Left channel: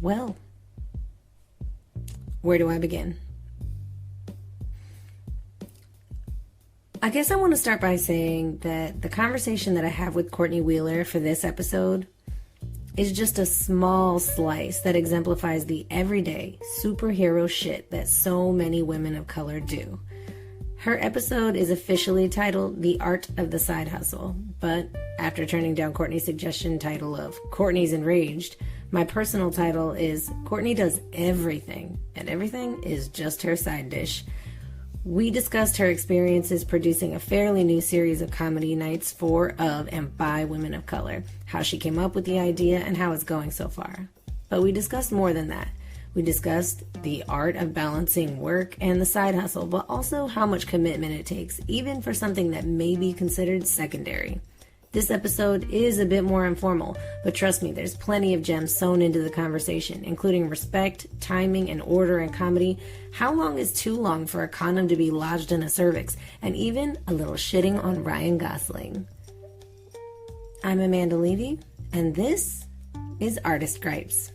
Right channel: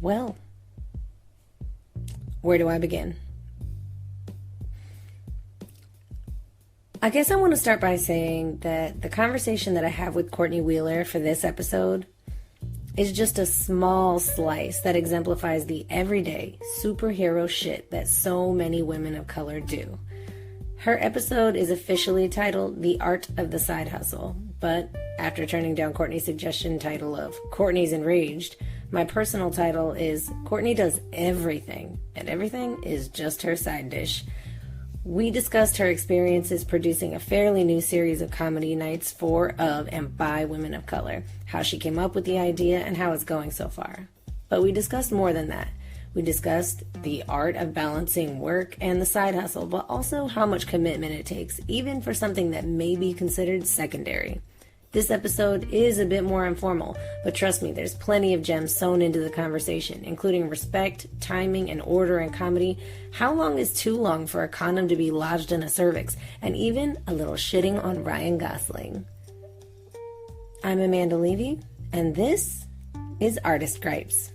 Well, where do I begin? I guess I want to start by saying that the conversation that I have with Courtney Wheeler for this episode is just a small slice that exemplifies the everyday superhero shit that so many women of color do. Her episode is officially titled The Art of the Side Hustle, but after turning down Courtney's suggestion title of Courtney's Enraged, my personal title is Courtney Does Everything, and everything is just her side dish. We discussed her experiences producing a fairly new series of comedy nights for, of, and by women of color, how she came up with the idea, and how it's going so far. But we discussed more than that. We discussed the art of balancing work and the side hustle, but also how much commitment it takes, even for something that may be considered secondary. This episode is a bit more informal, but trust me, there's plenty of gems sewn into the conversation, including respect, timing, and order in comedy, how long is too long for a condom to be lodged in a cervix, and even a little shitting on Ryan Gosling. I'm Amanda Levy, and this is Artist Gripes.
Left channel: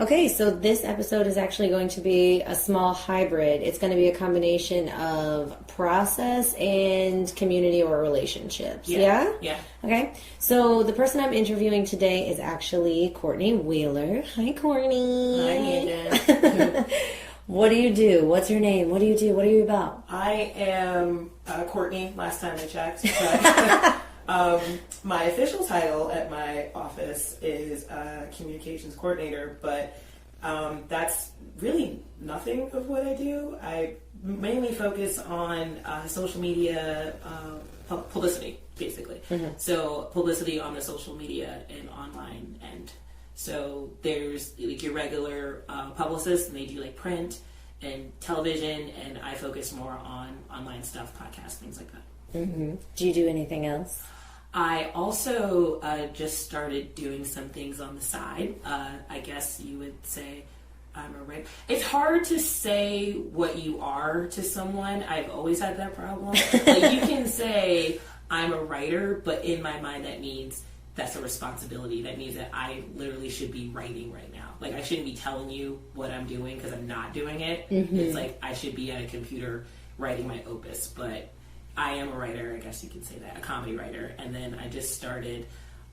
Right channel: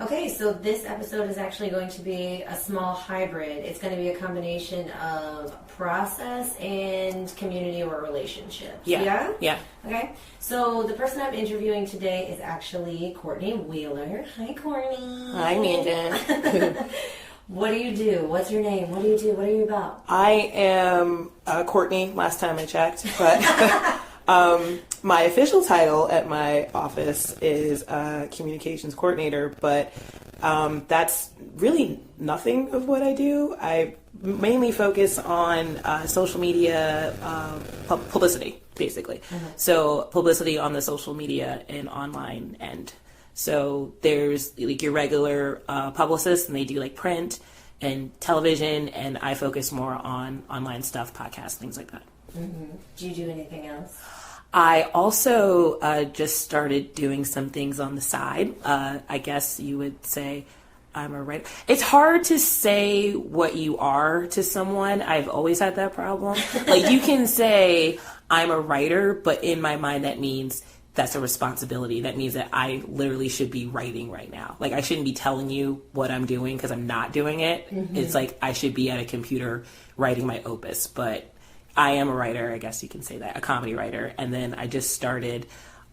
Okay, so this episode is actually going to be a small hybrid. It's going to be a combination of process and community or relationships. Yeah? Yeah. Okay, so the person I'm interviewing today is actually Courtney Wheeler. Hi, Courtney. Hi, Amanda. What do you do? What's your name? What do you do? What are you about? I am Courtney, last time I checked, but my official title at my office is communications coordinator, but that's really nothing of what I do. I mainly focus on social media publicity, basically. Mm-hmm. So publicity on the social media and online end. So there's like your regular publicists, and they do like print and television, and I focus more on online stuff, podcasts, things like that. Mm-hmm. Do you do anything else? I also just started doing some things on the side. I guess you would say I'm a writer. It's hard to say what you are to someone. I've always had that problem. Like, you can say I'm a writer, but in my mind that means that's a responsibility. That means that I literally should be writing right now. Like, I shouldn't be telling you what I'm doing because I'm not doing it. Mm-hmm. It's like I should be at a computer writing my opus, but I am a writer, I guess you can say that, a comedy writer. And then I just started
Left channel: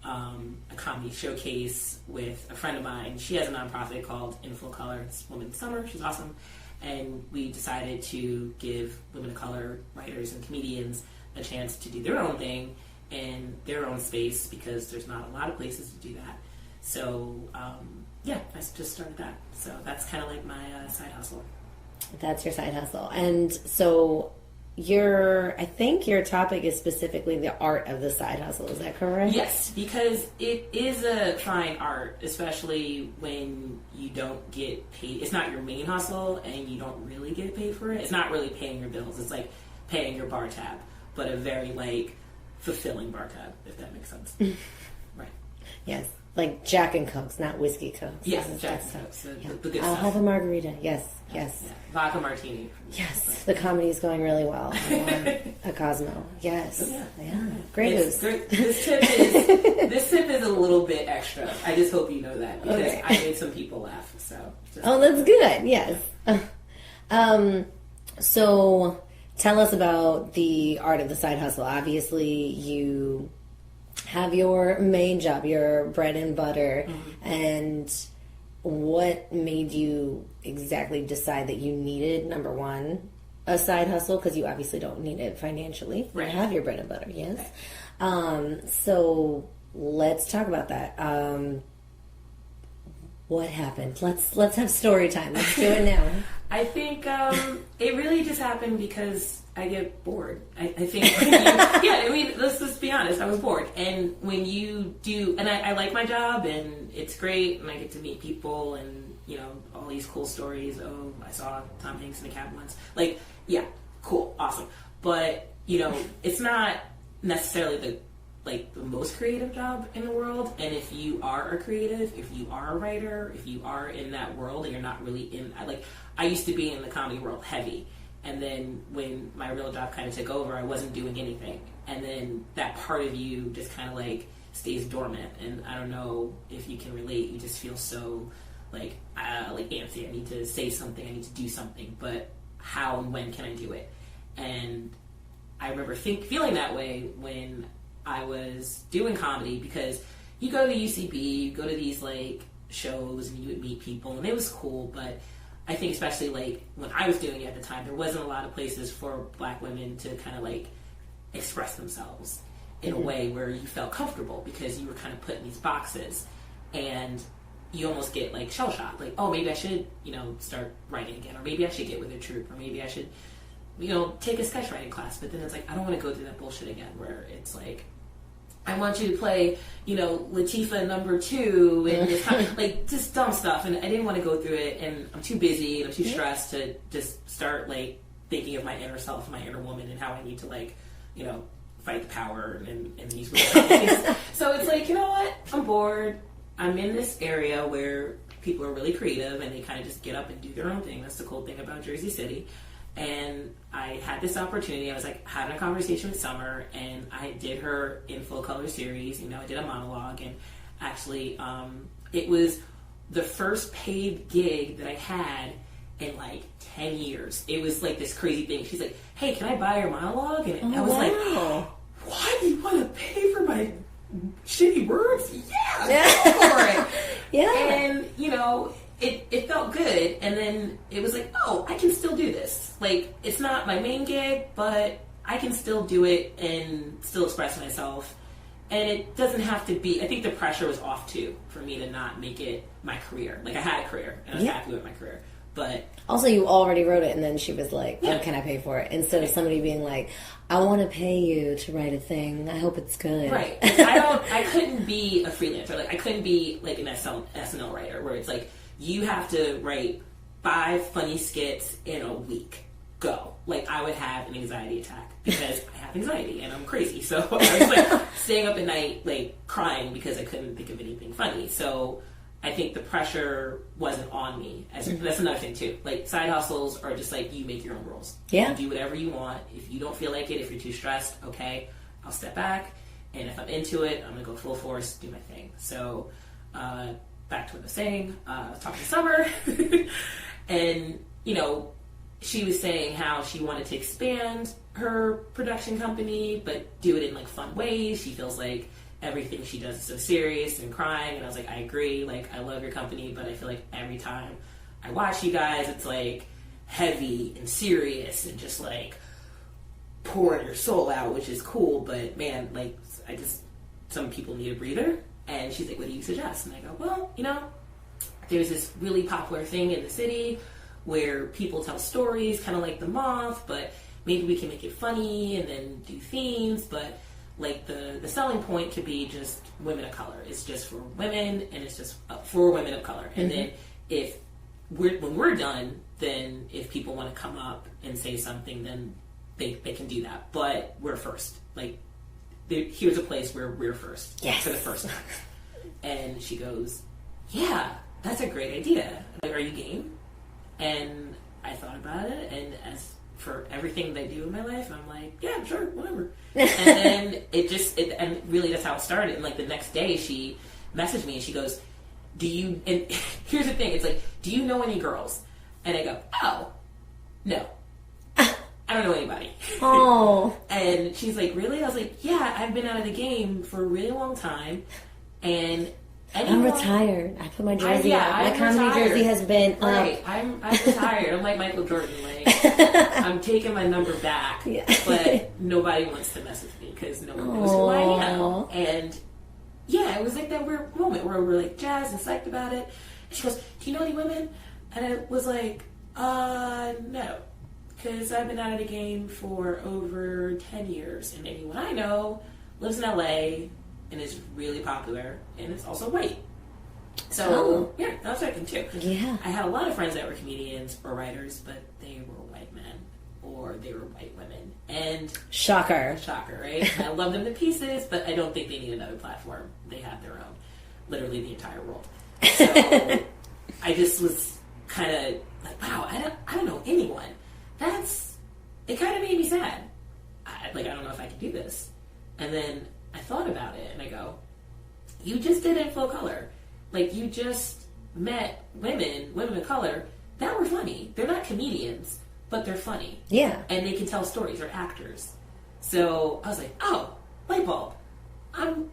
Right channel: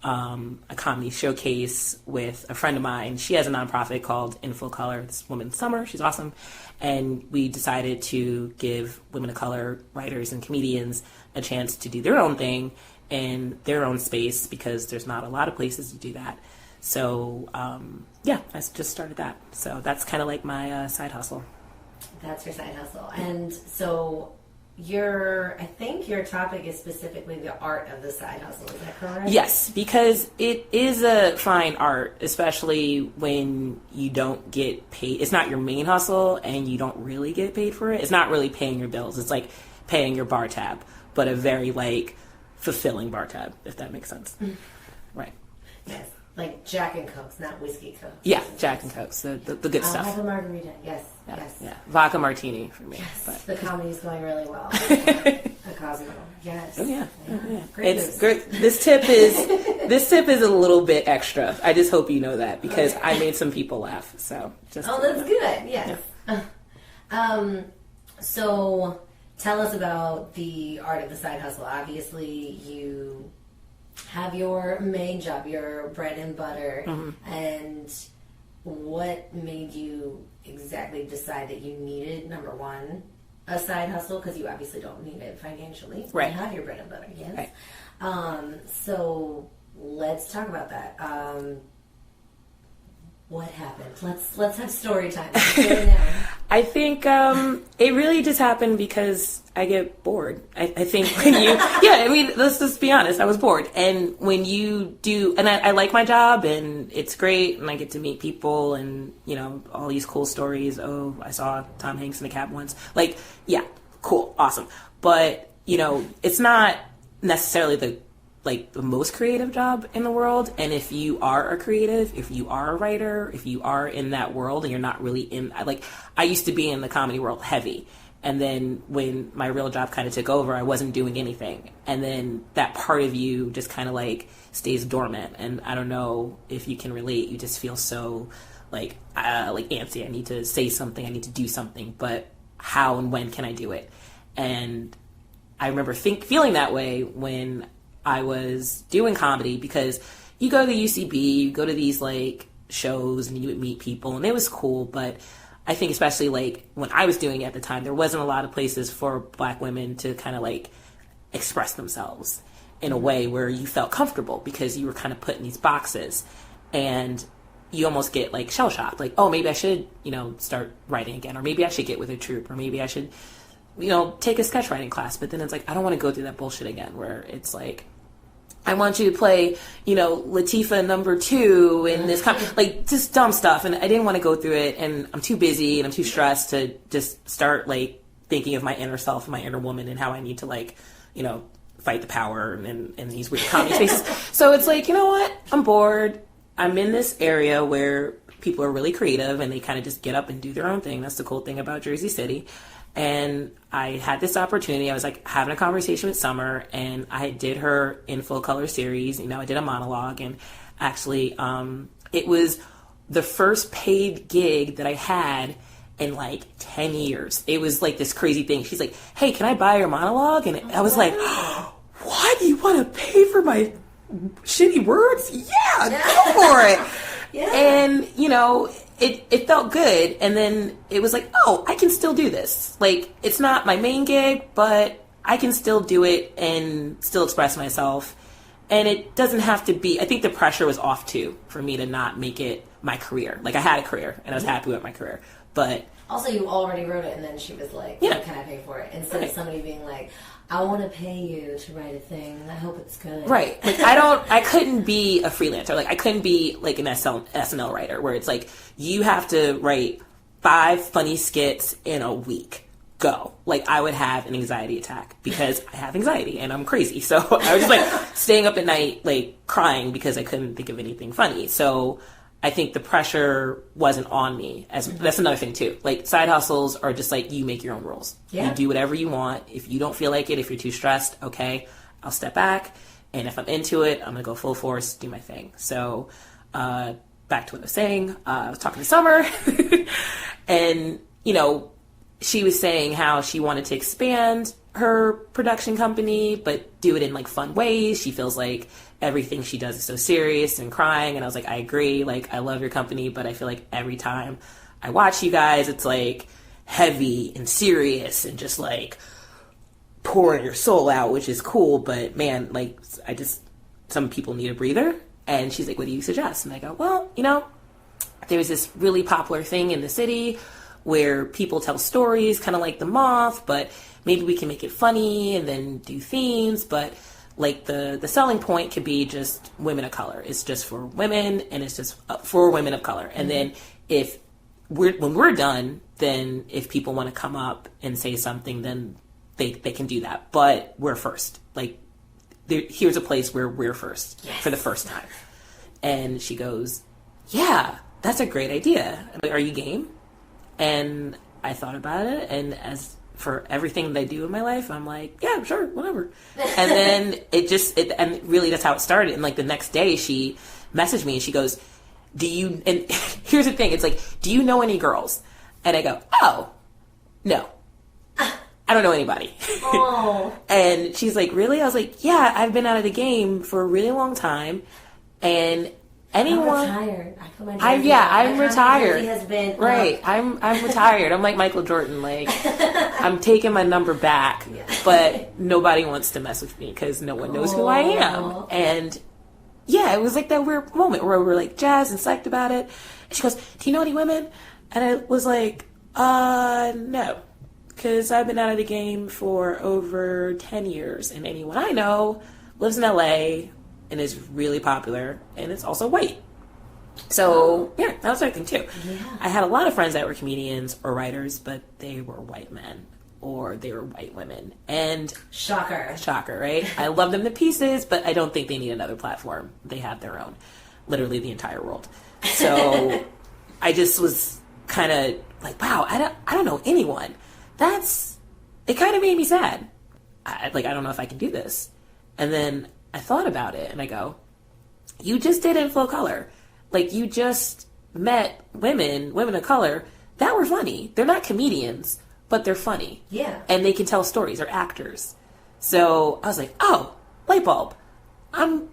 a comedy showcase with a friend of mine. She has a nonprofit called In Full Color. It's Women's Summer. She's awesome. And we decided to give women of color writers and comedians a chance to do their own thing in their own space, because there's not a lot of places to do that. So, I just started that. So that's kind of like my side hustle. That's your side hustle. And so I think your topic is specifically the art of the side hustle. Is that correct? Yes, because it is a fine art, especially when you don't get paid. It's not your main hustle and you don't really get paid for it. It's not really paying your bills. It's like paying your bar tab, but a very fulfilling bar tab, if that makes sense. Right. Yes. Like Jack and Cokes, not whiskey Cokes. Yeah, Jack and Cokes, the good stuff. I'll have a margarita. Yes. Yeah. Vodka martini for me. Yes. But the comedy is going really well. A Cosmo. Yes. Oh, yeah. Great. It's great. This tip is a little bit extra. I just hope you know that, because okay. I made some people laugh. So. That's good. Yes. So tell us about the art of the side hustle. Obviously, you have your main job, your bread and butter, mm-hmm. and what made you exactly decide that you needed, number one, a side hustle? Because you obviously don't need it financially. Right. You have your bread and butter, yes. Right. So let's talk about that. What happened? Let's have story time. Let's do it now. I think it really just happened because I get bored. I think when you, let's just be honest, I was bored. And when you do, and I like my job and it's great and I get to meet people and, all these cool stories. Oh, I saw Tom Hanks in a cab once. Cool, awesome. But it's not necessarily the most creative job in the world. And if you are a creative, if you are a writer, if you are in that world and you're not really I used to be in the comedy world heavy. And then when my real job kind of took over, I wasn't doing anything. And then that part of you just kind of stays dormant. And I don't know if you can relate. You just feel so antsy. I need to say something. I need to do something. But how and when can I do it? And I remember feeling that way when I was doing comedy, because you go to the UCB, you go to these shows and you would meet people and it was cool. But I think especially when I was doing it at the time, there wasn't a lot of places for Black women to kind of express themselves in a way where you felt comfortable, because you were kind of put in these boxes and you almost get shell shocked. Oh, maybe I should, start writing again, or maybe I should get with a troupe, or maybe I should, take a sketch writing class. But then it's I don't want to go through that bullshit again where it's I want you to play, Latifah number 2 and this kind of, just dumb stuff. And I didn't want to go through it, and I'm too busy and I'm too stressed to just start thinking of my inner self, my inner woman, and how I need to fight the power and these weird comedy spaces. So it's you know what? I'm bored. I'm in this area where people are really creative and they kind of just get up and do their own thing. That's the cool thing about Jersey City. And I had this opportunity. I was having a conversation with Summer, and I did her in full color series. I did a monologue, and actually, it was the first paid gig that I had in 10 years. It was this crazy thing. She's like, "Hey, can I buy your monologue?" And I was "What? You want to pay for my shitty words? Yeah, go for it." Yeah. And, it felt good. And then it was oh, I can still do this. It's not my main gig, but I can still do it and still express myself. And it doesn't have to be, I think the pressure was off too for me to not make it my career. I had a career and I was happy with my career. But also, you already wrote it, and then she was like, yeah. "What can I pay for it?" Instead of somebody being "I want to pay you to write a thing. I hope it's good." Right. I couldn't be a freelancer. I couldn't be an SNL writer where it's you have to write 5 funny skits in a week. Go. I would have an anxiety attack because I have anxiety and I'm crazy. So I was staying up at night, crying because I couldn't think of anything funny. So I think the pressure wasn't on me. That's another thing too. Side hustles are just you make your own rules. Yeah. You do whatever you want. If you don't feel like it, if you're too stressed, okay, I'll step back. And if I'm into it, I'm gonna go full force, do my thing. So back to what I was saying. I was talking to Summer, and she was saying how she wanted to expand her production company, but do it in fun ways. She feels everything she does is so serious and crying. And I was I agree. I love your company, but I feel every time I watch you guys, it's heavy and serious and just pouring your soul out, which is cool. But man, some people need a breather. And she's like, "What do you suggest?" And I go, "Well, there's this really popular thing in the city where people tell stories kind of like The Moth, but maybe we can make it funny and then do themes. But the selling point could be just women of color. It's just for women, and it's just for women of color. And then when we're done, then if people want to come up and say something, then they can do that. But we're first. Here's a place where we're first for the first time." And she goes, "Yeah, that's a great idea. Are you game?" And I thought about it, and as for everything that I do in my life, I'm "Yeah, sure, whatever." And then and really that's how it started. And the next day she messaged me and she goes, and here's the thing, it's "Do you know any girls?" And I go, "Oh, no. I don't know anybody." Oh. And she's "Really?" I was "Yeah, I've been out of the game for a really long time, and anyone." I'm retired. I put my jersey on. I'm retired. Jersey has been right. I'm retired. I'm like Michael Jordan. I'm taking my number back, but nobody wants to mess with me because no one knows who I am. And yeah, it was that weird moment where we were jazzed and psyched about it. And she goes, "Do you know any women?" And I was no. Because I've been out of the game for over 10 years, and anyone I know lives in LA and is really popular, and it's also white. So, yeah, that was our thing too. Yeah. I had a lot of friends that were comedians or writers, but they were white men or they were white women. And Shocker, right? I love them to pieces, but I don't think they need another platform. They have their own, literally the entire world. So I just was kind of like, wow, I don't know anyone. It kind of made me sad. I don't know if I can do this. And then I thought about it and I go, you just did In Flow Color. Like, you just met women of color that were funny. They're not comedians, but they're funny. Yeah. And they can tell stories. They're actors. So I was like, oh, light bulb. I'm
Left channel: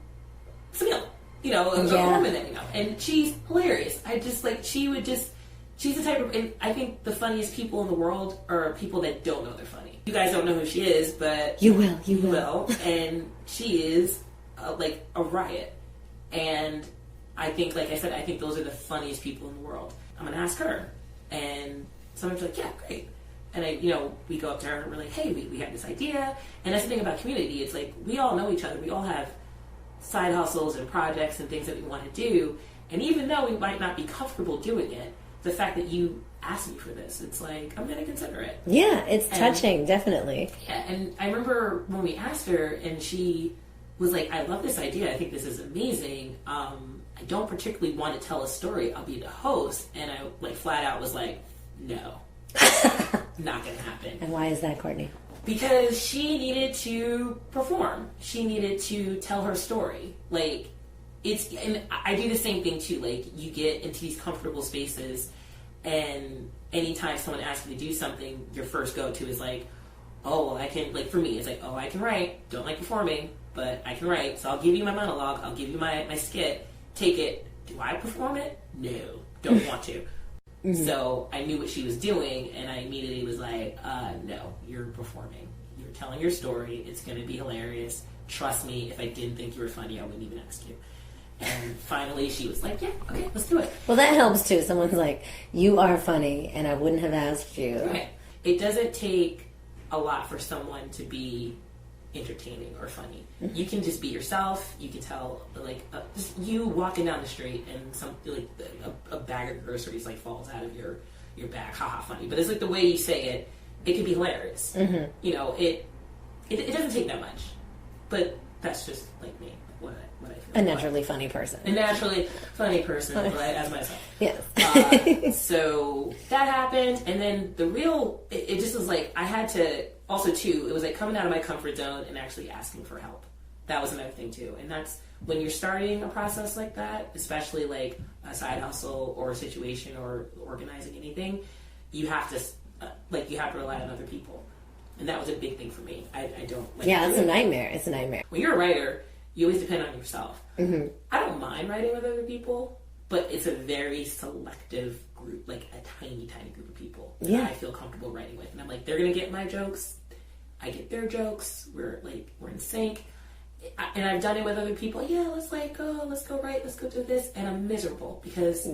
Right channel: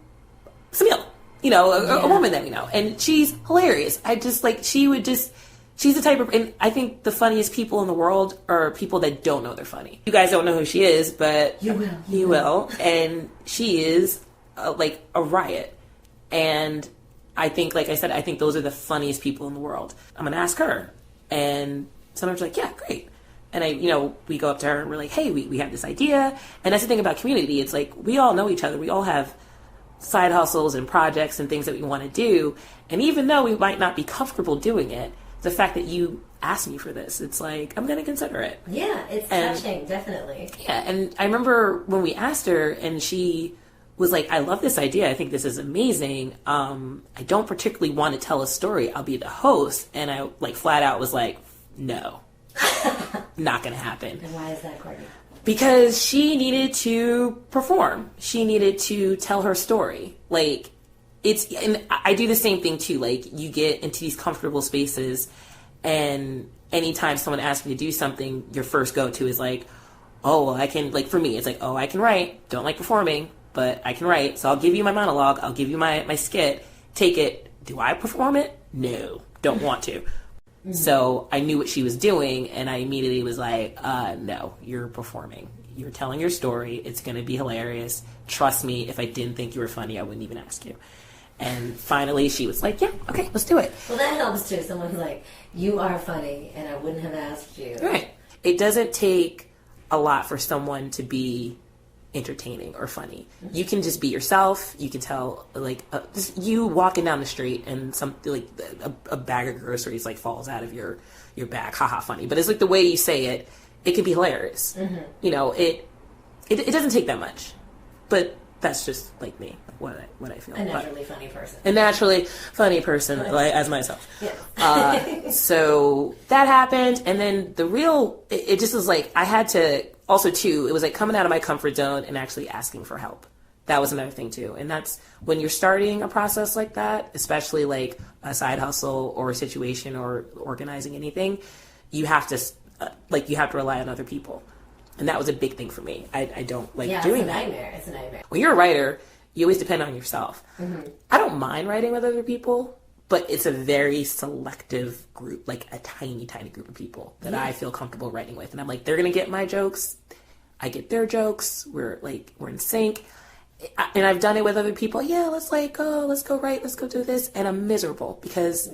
Samila, a woman that we know. And she's hilarious. I just she's the type of, and I think the funniest people in the world are people that don't know they're funny. You guys don't know who she is, but you will. And she is a riot. And I think, like I said, I think those are the funniest people in the world. I'm going to ask her. And sometimes like, yeah, great. And we go up to her and we're like, hey, we have this idea. And that's the thing about community. It's like, we all know each other. We all have side hustles and projects and things that we want to do. And even though we might not be comfortable doing it, the fact that you asked me for this, it's like, I'm going to consider it. Yeah, it's touching, definitely. Yeah, and I remember when we asked her and she was like, I love this idea. I think this is amazing. I don't particularly want to tell a story. I'll be the host. And I flat out was like, no, not going to happen. And why is that, Courtney? Because she needed to perform. She needed to tell her story. And I do the same thing too. You get into these comfortable spaces and anytime someone asks me to do something, your first go-to is like, oh, well, I can, for me, it's like, oh, I can write. Don't like performing, but I can write. So I'll give you my monologue. I'll give you my skit. Take it. Do I perform it? No. Don't want to. Mm-hmm. So I knew what she was doing, and I immediately was like, no, you're performing. You're telling your story. It's going to be hilarious. Trust me, if I didn't think you were funny, I wouldn't even ask you. And finally, she was like, yeah, okay, let's do it. Well, that helps, too. Someone's like, you are funny, and I wouldn't have asked you. Right. It doesn't take a lot for someone to be entertaining or funny. Mm-hmm. You can just be yourself. You can tell, just you walking down the street and something a bag of groceries falls out of your bag. Haha, funny. But it's the way you say it. It can be hilarious. Mm-hmm. It doesn't take that much. But that's just me. What I feel. A naturally funny person. As myself. Yeah. So that happened, and then it just was I had to. Also, too, it was coming out of my comfort zone and actually asking for help. That was another thing, too. And that's when you're starting a process like that, especially a side hustle or a situation or organizing anything, you have to rely on other people. And that was a big thing for me. I don't doing it's a nightmare. It's a nightmare. When you're a writer, you always depend on yourself. Mm-hmm. I don't mind writing with other people, but it's a very selective group, a tiny, tiny group of people that I feel comfortable writing with. And I'm they're going to get my jokes. I get their jokes. We're in sync. And I've done it with other people. Yeah, let's go write. Let's go do this. And I'm miserable because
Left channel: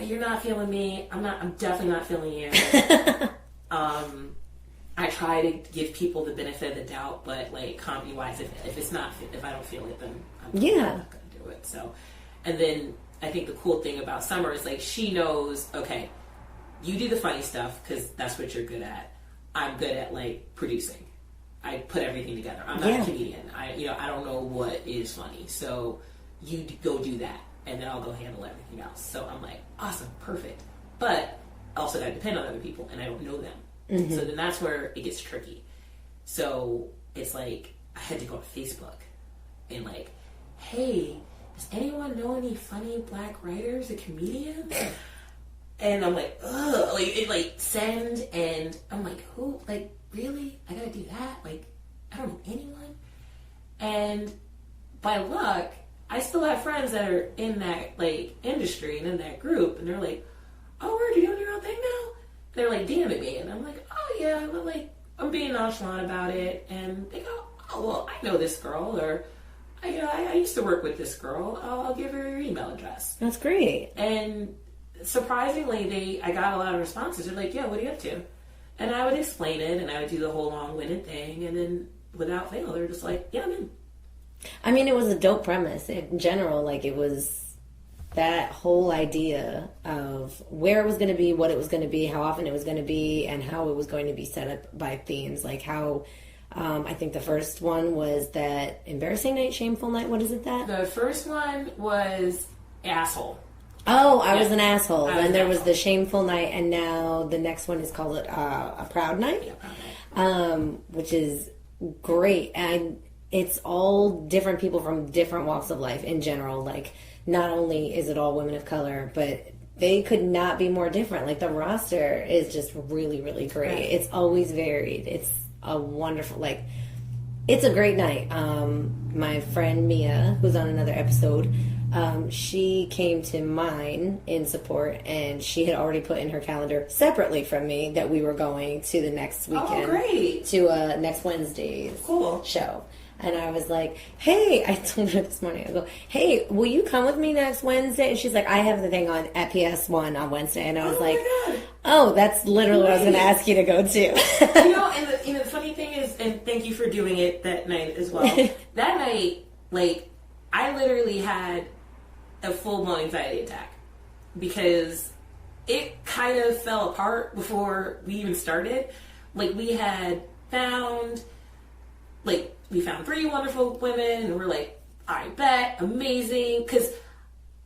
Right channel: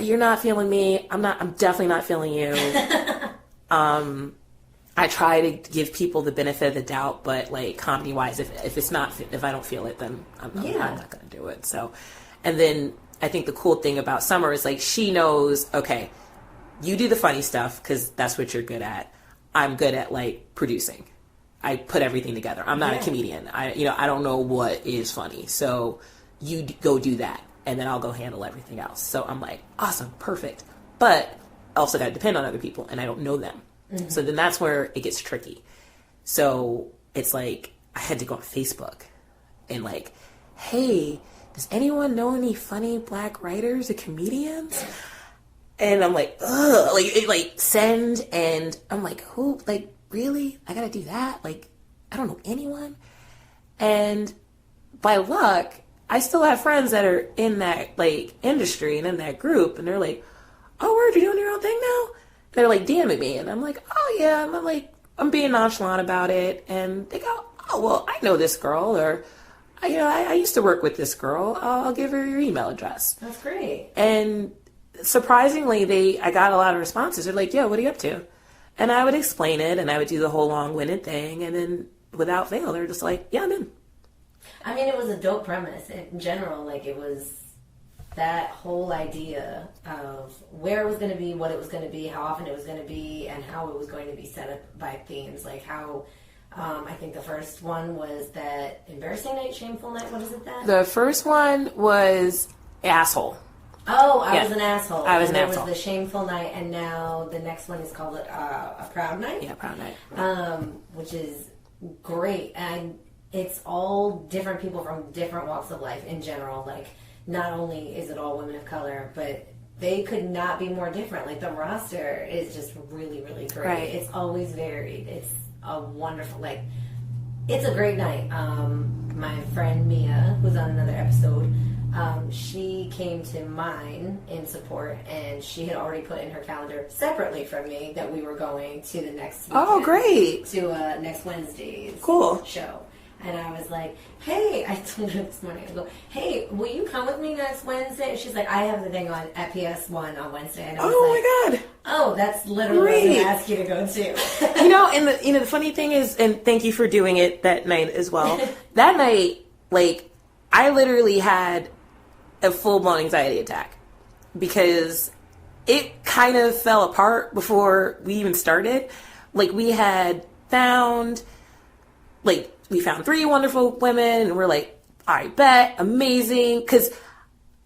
you're not feeling me. I'm definitely not feeling you. I try to give people the benefit of the doubt, but comedy wise, if I don't feel it, then I'm not going to do it. So, and then I think the cool thing about Summer is she knows, okay, you do the funny stuff because that's what you're good at. I'm good at producing. I put everything together. I'm not a comedian. I don't know what is funny. So you go do that, and then I'll go handle everything else. So I'm awesome, perfect. But I also got to depend on other people, and I don't know them. Mm-hmm. So then that's where it gets tricky. So it's I had to go on Facebook and hey, does anyone know any funny Black writers or comedians? And I'm ugh, send, and I'm who, really? I gotta do that? I don't know anyone. And by luck, I still have friends that are in that, industry and in that group, and they're oh, word, you're doing your own thing now? They're, DMing me, and I'm oh, yeah, and I'm being nonchalant about it, and they go, oh, well, I know this girl, or, I used to work with this girl, I'll give her your email address. That's great. And surprisingly, I got a lot of responses. They're yo, what are you up to? And I would explain it, and I would do the whole long-winded thing, and then without fail, they're just yeah, I'm in. I mean, it was a dope premise. In general, it was that whole idea of where it was going to be, what it was going to be, how often it was going to be, and how it was going to be set up by themes. Like how, I think the first one was that embarrassing night, shameful night. What is it that? The first one was asshole. Oh, I was an asshole. Was the shameful night, and now the next one is called a proud night. Yeah, proud night. Which is great. And it's all different people from different walks of life in general. Like, not only is it all women of color, but they could not be more different. Like, the roster is just really, really great. Right. It's always varied. It's a wonderful, like, it's a great night. My friend Mia, who's on another episode, she came to mine in support, and she had already put in her calendar separately from me that we were going to the next weekend. Oh, great. To next Wednesday's show. And I was like, hey, I told her this morning, I go, hey, will you come with me next Wednesday? And she's like, I have the thing on at PS1 on Wednesday. And I was my God. Oh, that's literally what I was going to ask you to go to. And the funny thing is, and thank you for doing it that night as well. That night, like, I literally had a full-blown anxiety attack because it kind of fell apart before we even started. Like, we found 3 wonderful women, and we're like, I bet, amazing. Because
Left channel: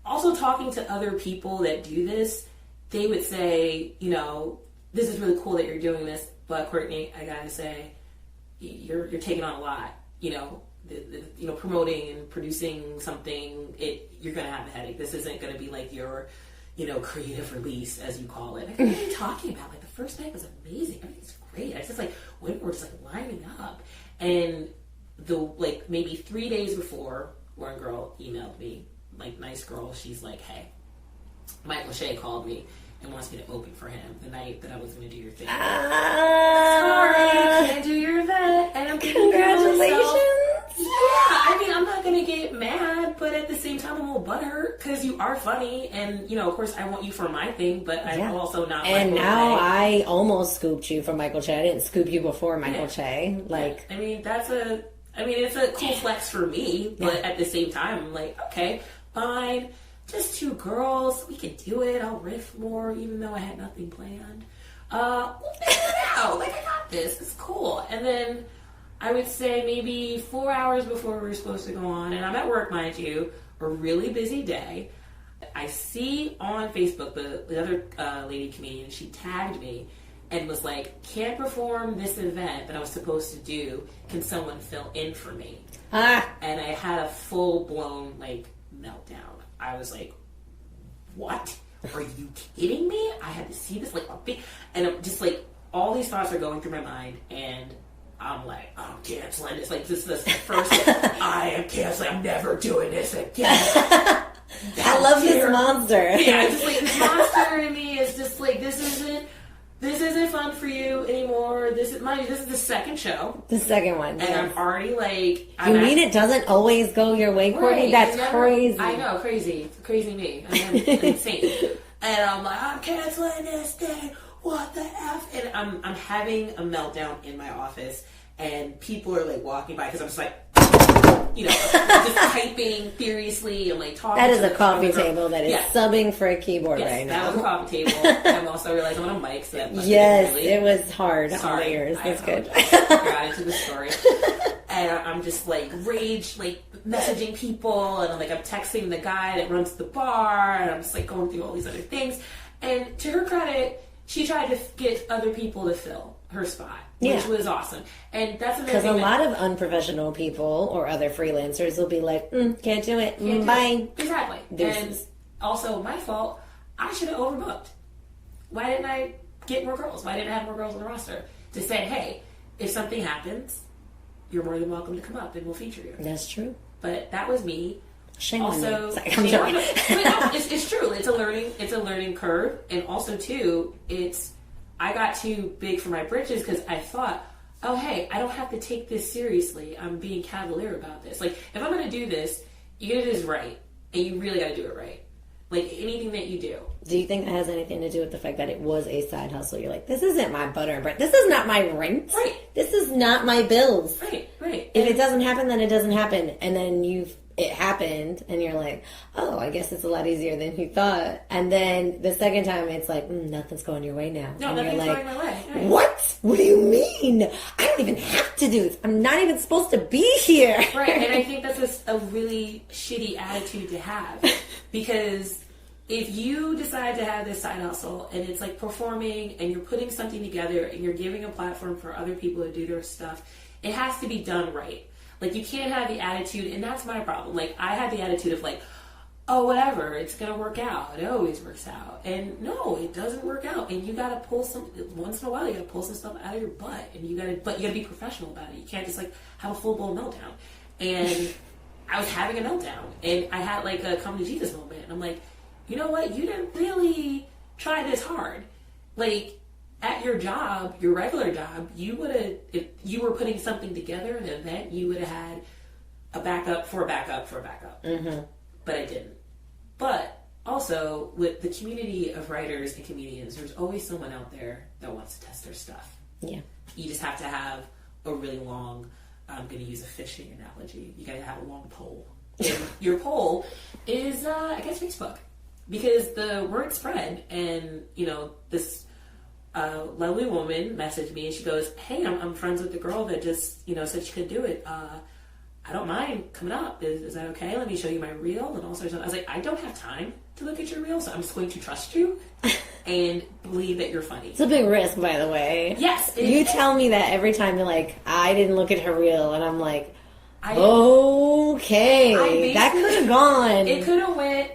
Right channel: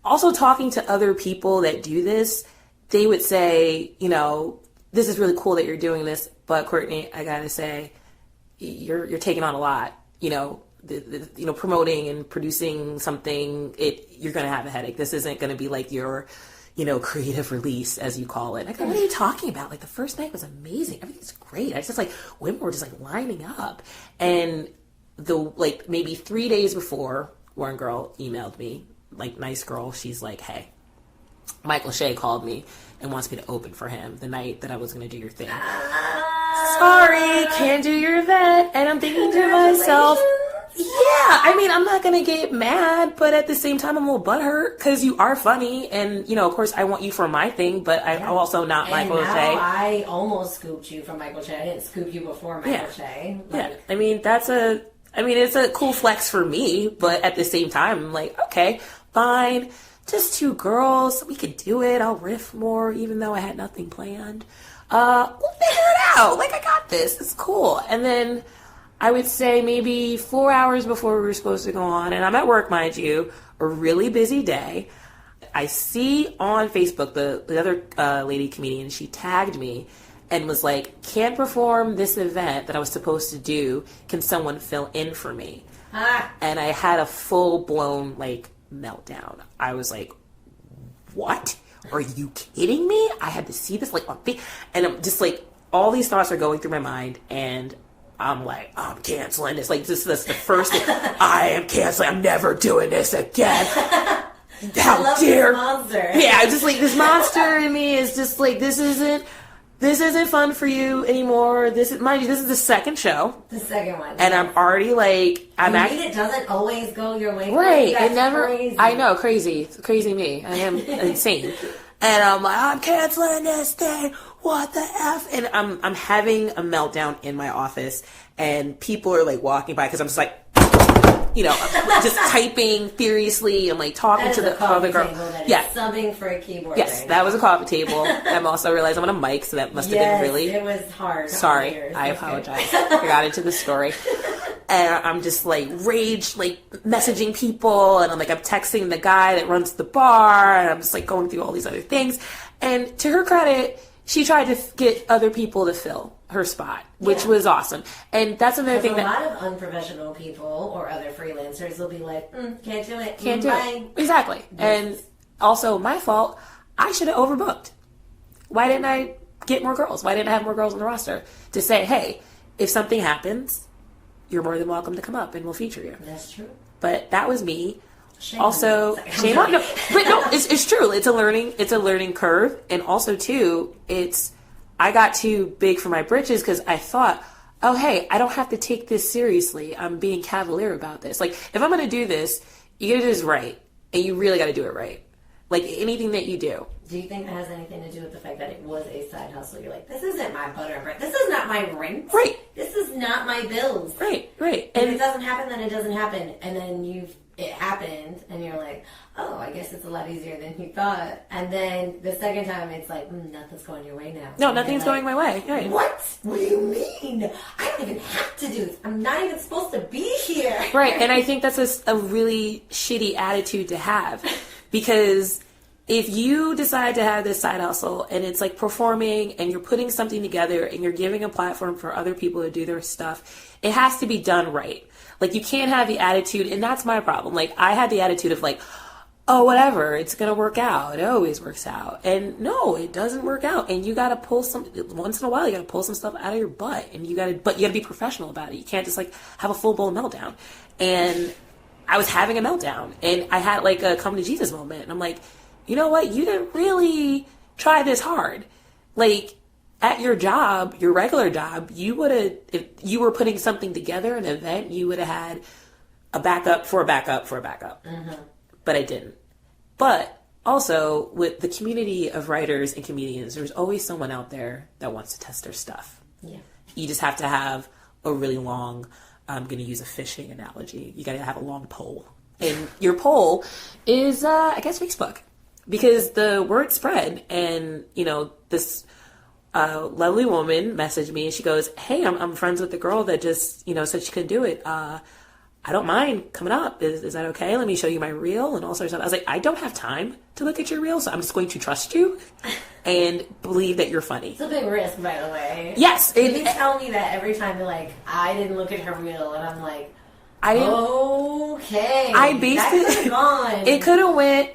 also talking to other people that do this, they would say, this is really cool that you're doing this, but Courtney, I gotta say, you're taking on a lot. Promoting and producing something, you're gonna have a headache. This isn't gonna be like your, creative release, as you call it. Like, what are you talking about? Like, the first night was amazing. Everything's great. It's just like women were just like lining up, and maybe 3 days before, one girl emailed me, like, nice girl. She's like, hey, Michael Shea called me and wants me to open for him the night that I was going to do your thing. Sorry, can't do your event. And I'm thinking to myself, I'm not going to get mad, but at the same time, I'm a little butthurt because you are funny. And, of course, I want you for my thing, but I'm also not Michael Shea. And now I almost scooped you from Michael Shea. I didn't scoop you before Michael Shea. It's a cool flex for me, but at the same time, I'm like, okay, fine. Just 2 girls. We could do it. I'll riff more, even though I had nothing planned. We'll figure it out. Like, I got this. It's cool. And then I would say maybe 4 hours before we were supposed to go on, and I'm at work, mind you, a really busy day. I see on Facebook the other lady comedian, she tagged me and was like, can't perform this event that I was supposed to do. Can someone fill in for me? And I had a full-blown, meltdown. I was like, what? Are you kidding me? I had to see this, on Facebook. And I'm just all these thoughts are going through my mind, and I'm like, I'm canceling this. This is the first, I am canceling. I'm never doing this again. I love this monster. Yeah, just this monster in me is just this isn't fun for you anymore. This is the second show. The second one. And yes. I'm already it doesn't always go your way. Right. That's crazy. I know, crazy. It's crazy me. I am insane. And I'm like, I'm canceling this thing. What the F? And I'm having a meltdown in my office, and people are walking by because I'm just I'm just typing furiously. I'm talking to the coffee table that is subbing for a keyboard. Yes, right that now. was a coffee table. I'm also realizing I'm on a mic, so that must have been really. It was hard. Sorry, I apologize. I got into the story, and I'm just rage, messaging people, and I'm texting the guy that runs the bar, and I'm just going through all these other things. And to her credit, she tried to get other people to fill her spot, which was awesome. And that's another thing. A lot of unprofessional people or other freelancers will be like, can't do it. Can't do it. Exactly. And also my fault. I should have overbooked. Why didn't I get more girls? Why didn't I have more girls on the roster to say, hey, if something happens, you're more than welcome to come up and we'll feature you. That's true. But that was me. Shame also, shame on you. But no, it's true. It's a learning curve. And also too, I got too big for my britches because I thought, oh, hey, I don't have to take this seriously. I'm being cavalier about this. If I'm going to do this, you got to do this right. And you really got to do it right. Anything that you do. Do you think that has anything to do with the fact that it was a side hustle? You're like, this isn't my butter and bread. This is not my rent. Right. This is not my bills. Right. If it doesn't happen, then it doesn't happen. And then it happened and you're like, oh, I guess it's a lot easier than you thought. And then the second time it's like, nothing's going your way now. No, and nothing's going my way. Right. What? What do you mean? I don't even have to do this. I'm not even supposed to be here. Right. And I think that's a really shitty attitude to have, because if you decide to have this side hustle and it's like performing and you're putting something together and you're giving a platform for other people to do their stuff, it has to be done right. Like, you can't have the attitude, and that's my problem. Like, I had the attitude of like, oh, whatever, it's going to work out. It always works out. And no, it doesn't work out. And you got to pull once in a while, you got to pull some stuff out of your butt. And you got to be professional about it. You can't just like have a full-blown meltdown. And I was having a meltdown, and I had like a come to Jesus moment. And I'm like, you know what? You didn't really try this hard. Like, at your job, your regular job, you would have, if you were putting something together, an event, you would have had a backup for a backup for a backup. Mm-hmm. But I didn't. But also, with the community of writers and comedians, there's always someone out there that wants to test their stuff. Yeah. You just have to have a really long, I'm going to use a fishing analogy, you got to have a long pole. And your pole is, I guess, Facebook. Because the word spread, and, you know, this lovely woman messaged me, and she goes, hey, I'm friends with the girl that just, you know, said she could do it. I don't mind coming up. Is that okay? Let me show you my reel and all sorts of stuff. I was like, I don't have time to look at your reel, so I'm just going to trust you and believe that you're funny. It's a big risk, by the way. Yes. You tell me that every time you're like, I didn't look at her reel, and I'm like, okay. That could have gone. It could have went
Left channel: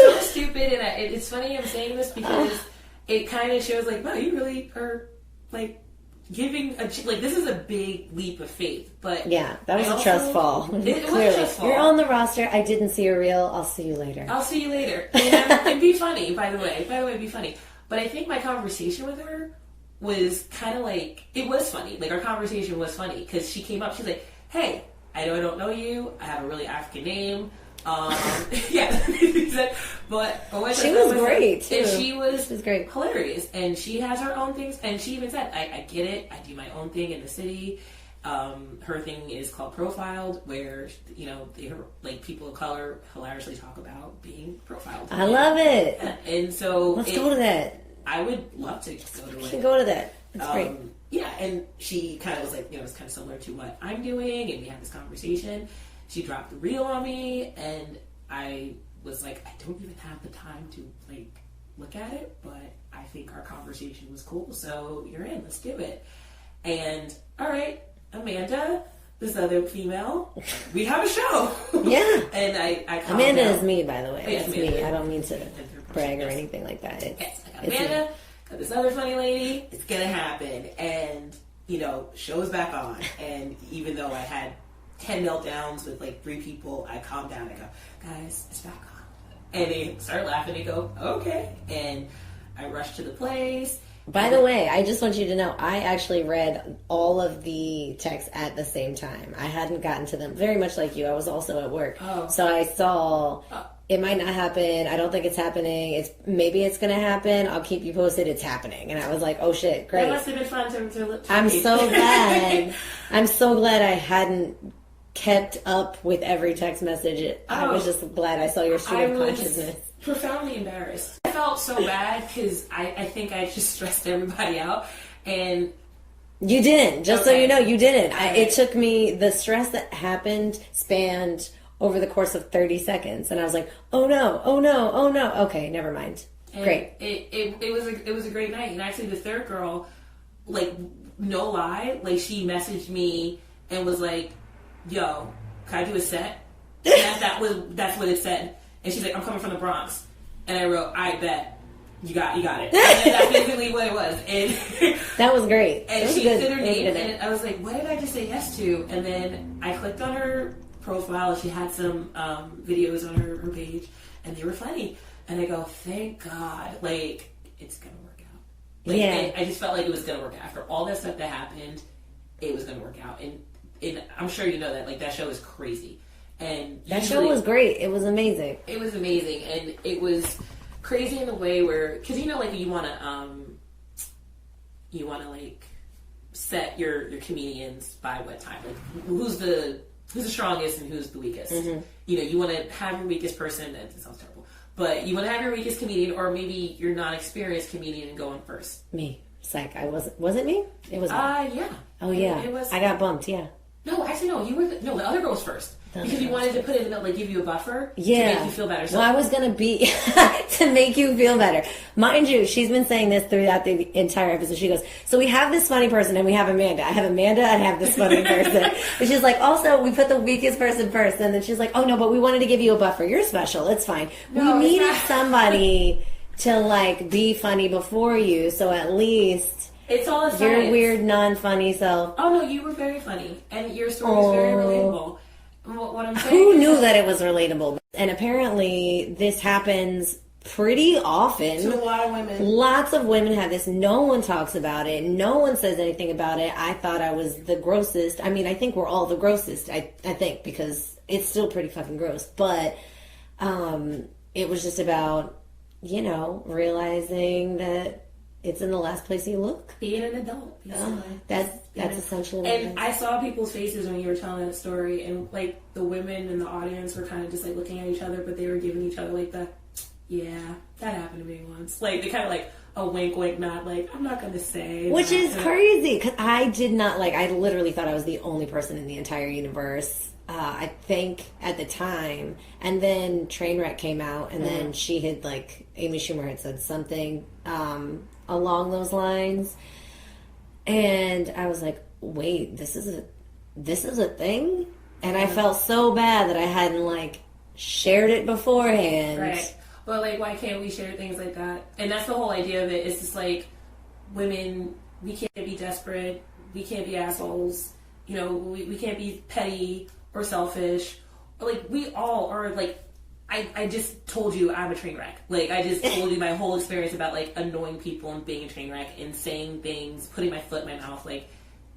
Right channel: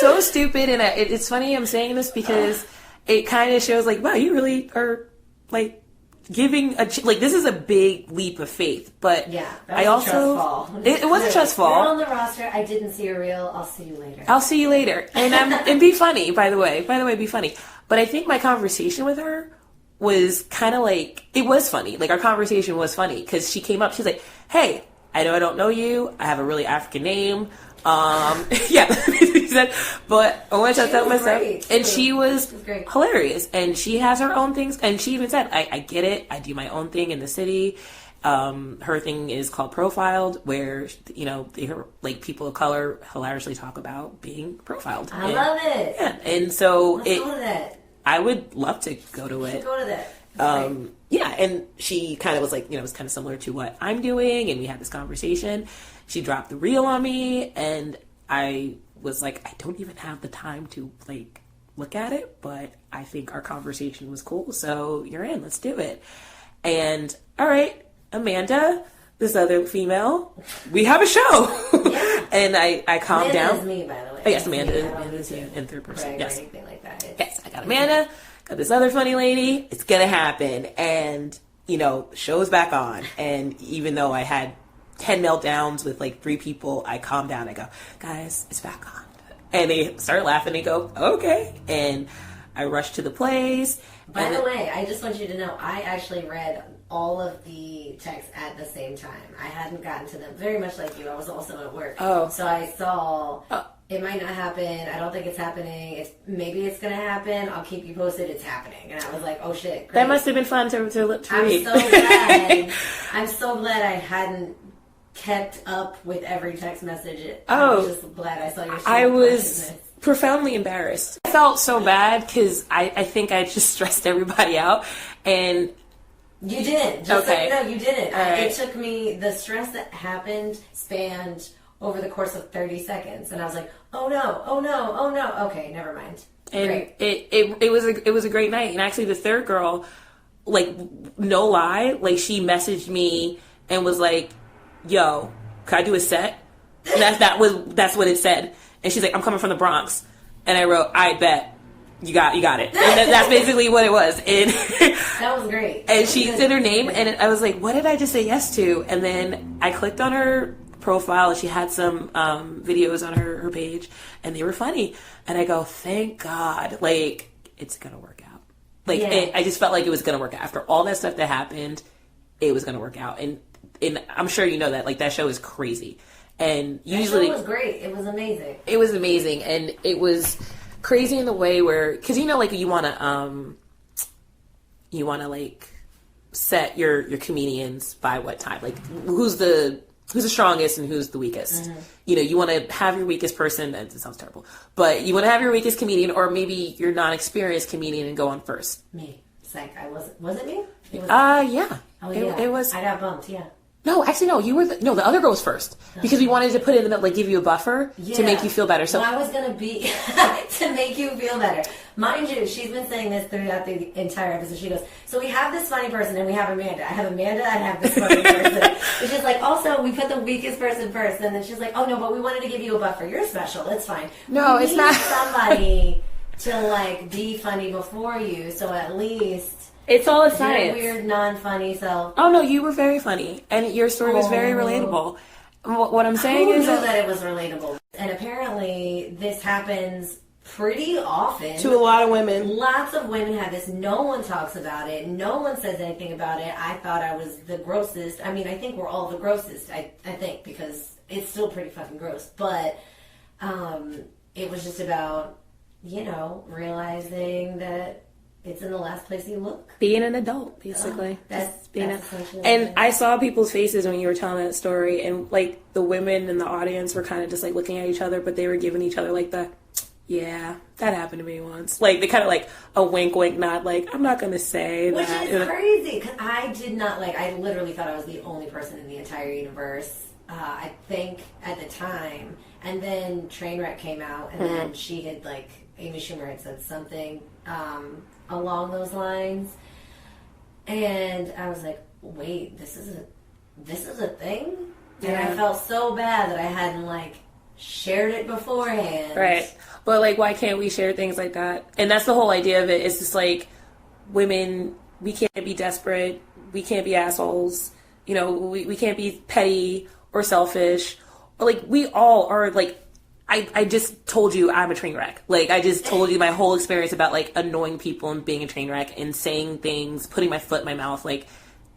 so stupid, and it's funny I'm saying this because it kind of shows like, wow, you really are like giving this is a big leap of faith. But yeah, that was a trust fall. It was a trust fall. You're on the roster. I didn't see a reel. I'll see you later. And be funny. By the way, be funny. But I think my conversation with her was kind of like, it was funny. Like, our conversation was funny because she came up. She's like, hey, I know I don't know you. I have a really African name. Yeah, he said, but I went to she was great, and she was great. Hilarious, and she has her own things, and she even said, I get it, I do my own thing in the city. Her thing is called Profiled, where, you know, like people of color hilariously talk about being profiled. I love it. Yeah, and so let's go to that. I would love to go to it. Go to that. Yeah, and she kind of was like, you know, it was kind of similar to what I'm doing, and we had this conversation. She dropped the reel on me, and I was like, I don't even have the time to, like, look at it, but I think our conversation was cool, so you're in, let's do it. And, all right, Amanda, this other female, we have a show. Yeah. And I calmed Amanda down. Amanda is me, by the way. Oh, yes, Amanda. Me. I don't need to in third person. brag or anything like that. Yes, I got Amanda, got this other funny lady. It's going to happen. And, you know, show's back on. And even though I had 10 meltdowns with like 3 people, I calm down. I go, guys, it's back on. And they start laughing. They go, okay. And I rush to the place. By the way, I just want you to know, I actually read all of the texts at the same time. I hadn't gotten to them. Very much like you. I was also at work. Oh. So I saw it might not happen. I don't think it's happening. Maybe it's going to happen. I'll keep you posted. It's happening. And I was like, oh shit, great. That must have been fun to I'm read. so glad. I'm so glad I hadn't kept up with every text message. I was just glad I saw your stream of consciousness. Profoundly embarrassed. I felt so bad because I think I just stressed everybody out, and you didn't. Just so you know, you didn't. Right. It took me, the stress that happened spanned over the course of 30 seconds, and I was like, oh no, oh no, oh no. Okay, never mind. And great. It was a great night, and actually the third girl, like, no lie, like, she messaged me and was like, yo, can I do a set? And that's what it said. And she's like, I'm coming from the Bronx. And I wrote, I bet. You got it. And that's basically what it was. And that was great. And she said her name, and I was like, what did I just say yes to? And then I clicked on her profile, and she had some videos on her page, and they were funny. And I go, thank God. Like, it's going to work out. Like, I just felt like it was going to work out. After all that stuff that happened, it was going to work out. And I'm sure you know that. Like, that show is crazy. And that show was great. It was amazing. It was amazing, and it was crazy in the way where, because you know, like, you want to like set your comedians by what time, like who's the who's the strongest and who's the weakest. You know, you want to have your weakest person, that sounds terrible, but you want to have your weakest comedian, or maybe your non-experienced comedian, and go on first. Me. Psych. Was it me? It was yeah. Oh, yeah. It was. I got bumped, yeah. No, actually, no. You were the other girl was first because we wanted to put it in the middle, like give you a buffer to make you feel better. So I was gonna be to make you feel better, mind you. She's been saying this throughout the entire episode. She goes, "So we have this funny person, and we have Amanda. I have Amanda. I have this funny person." And she's like, "Also, we put the weakest person first." And then she's like, "Oh no, but we wanted to give you a buffer. You're special. It's fine. No, we it's need not somebody to like be funny before you. So at least." It's all a science. Your weird, non-funny self. Oh no, you were very funny, and your story was very relatable. What I'm saying Who is knew that it was relatable? And apparently, this happens pretty often to a lot of women. Lots of women have this. No one talks about it. No one says anything about it. I thought I was the grossest. I mean, I think we're all the grossest. I think because it's still pretty fucking gross. But it was just about realizing that. It's in the last place you look. Being an adult, basically. That's essentially. And I saw people's faces when you were telling that story, and like the women in the audience were kind of just like looking at each other, but they were giving each other like the, yeah, that happened to me once. Like they kind of like a wink, wink, nod. Like I'm not gonna say. Which is crazy because I did not like. I literally thought I was the only person in the entire universe. I think at the time, and then Trainwreck came out, and then she had like Amy Schumer had said something. Along those lines, and I was like, wait, this is a thing? And I felt so bad that I hadn't like shared it beforehand. Right. But like, why can't we share things like that? And that's the whole idea of it. It's just like, women, we can't be desperate, we can't be assholes, we can't be petty or selfish, or like we all are like, I just told you I'm a train wreck. Like, I just told you my whole experience about, like, annoying people and being a train wreck and saying things, putting my foot in my mouth. Like,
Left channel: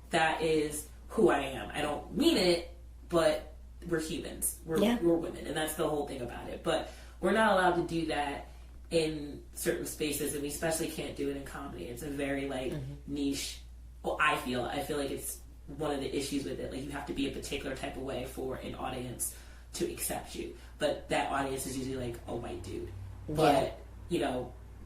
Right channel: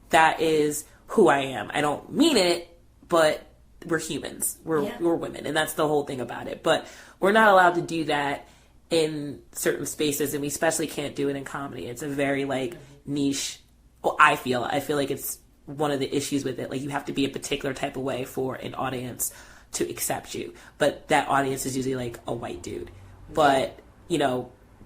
that is who I am. I don't mean it, but we're humans. We're women. And that's the whole thing about it. But we're not allowed to do that in certain spaces. And we especially can't do it in comedy. It's a very, like, niche. Well, I feel like it's one of the issues with it. Like, you have to be a particular type of way for an audience to accept you, but that audience is usually like a white dude. But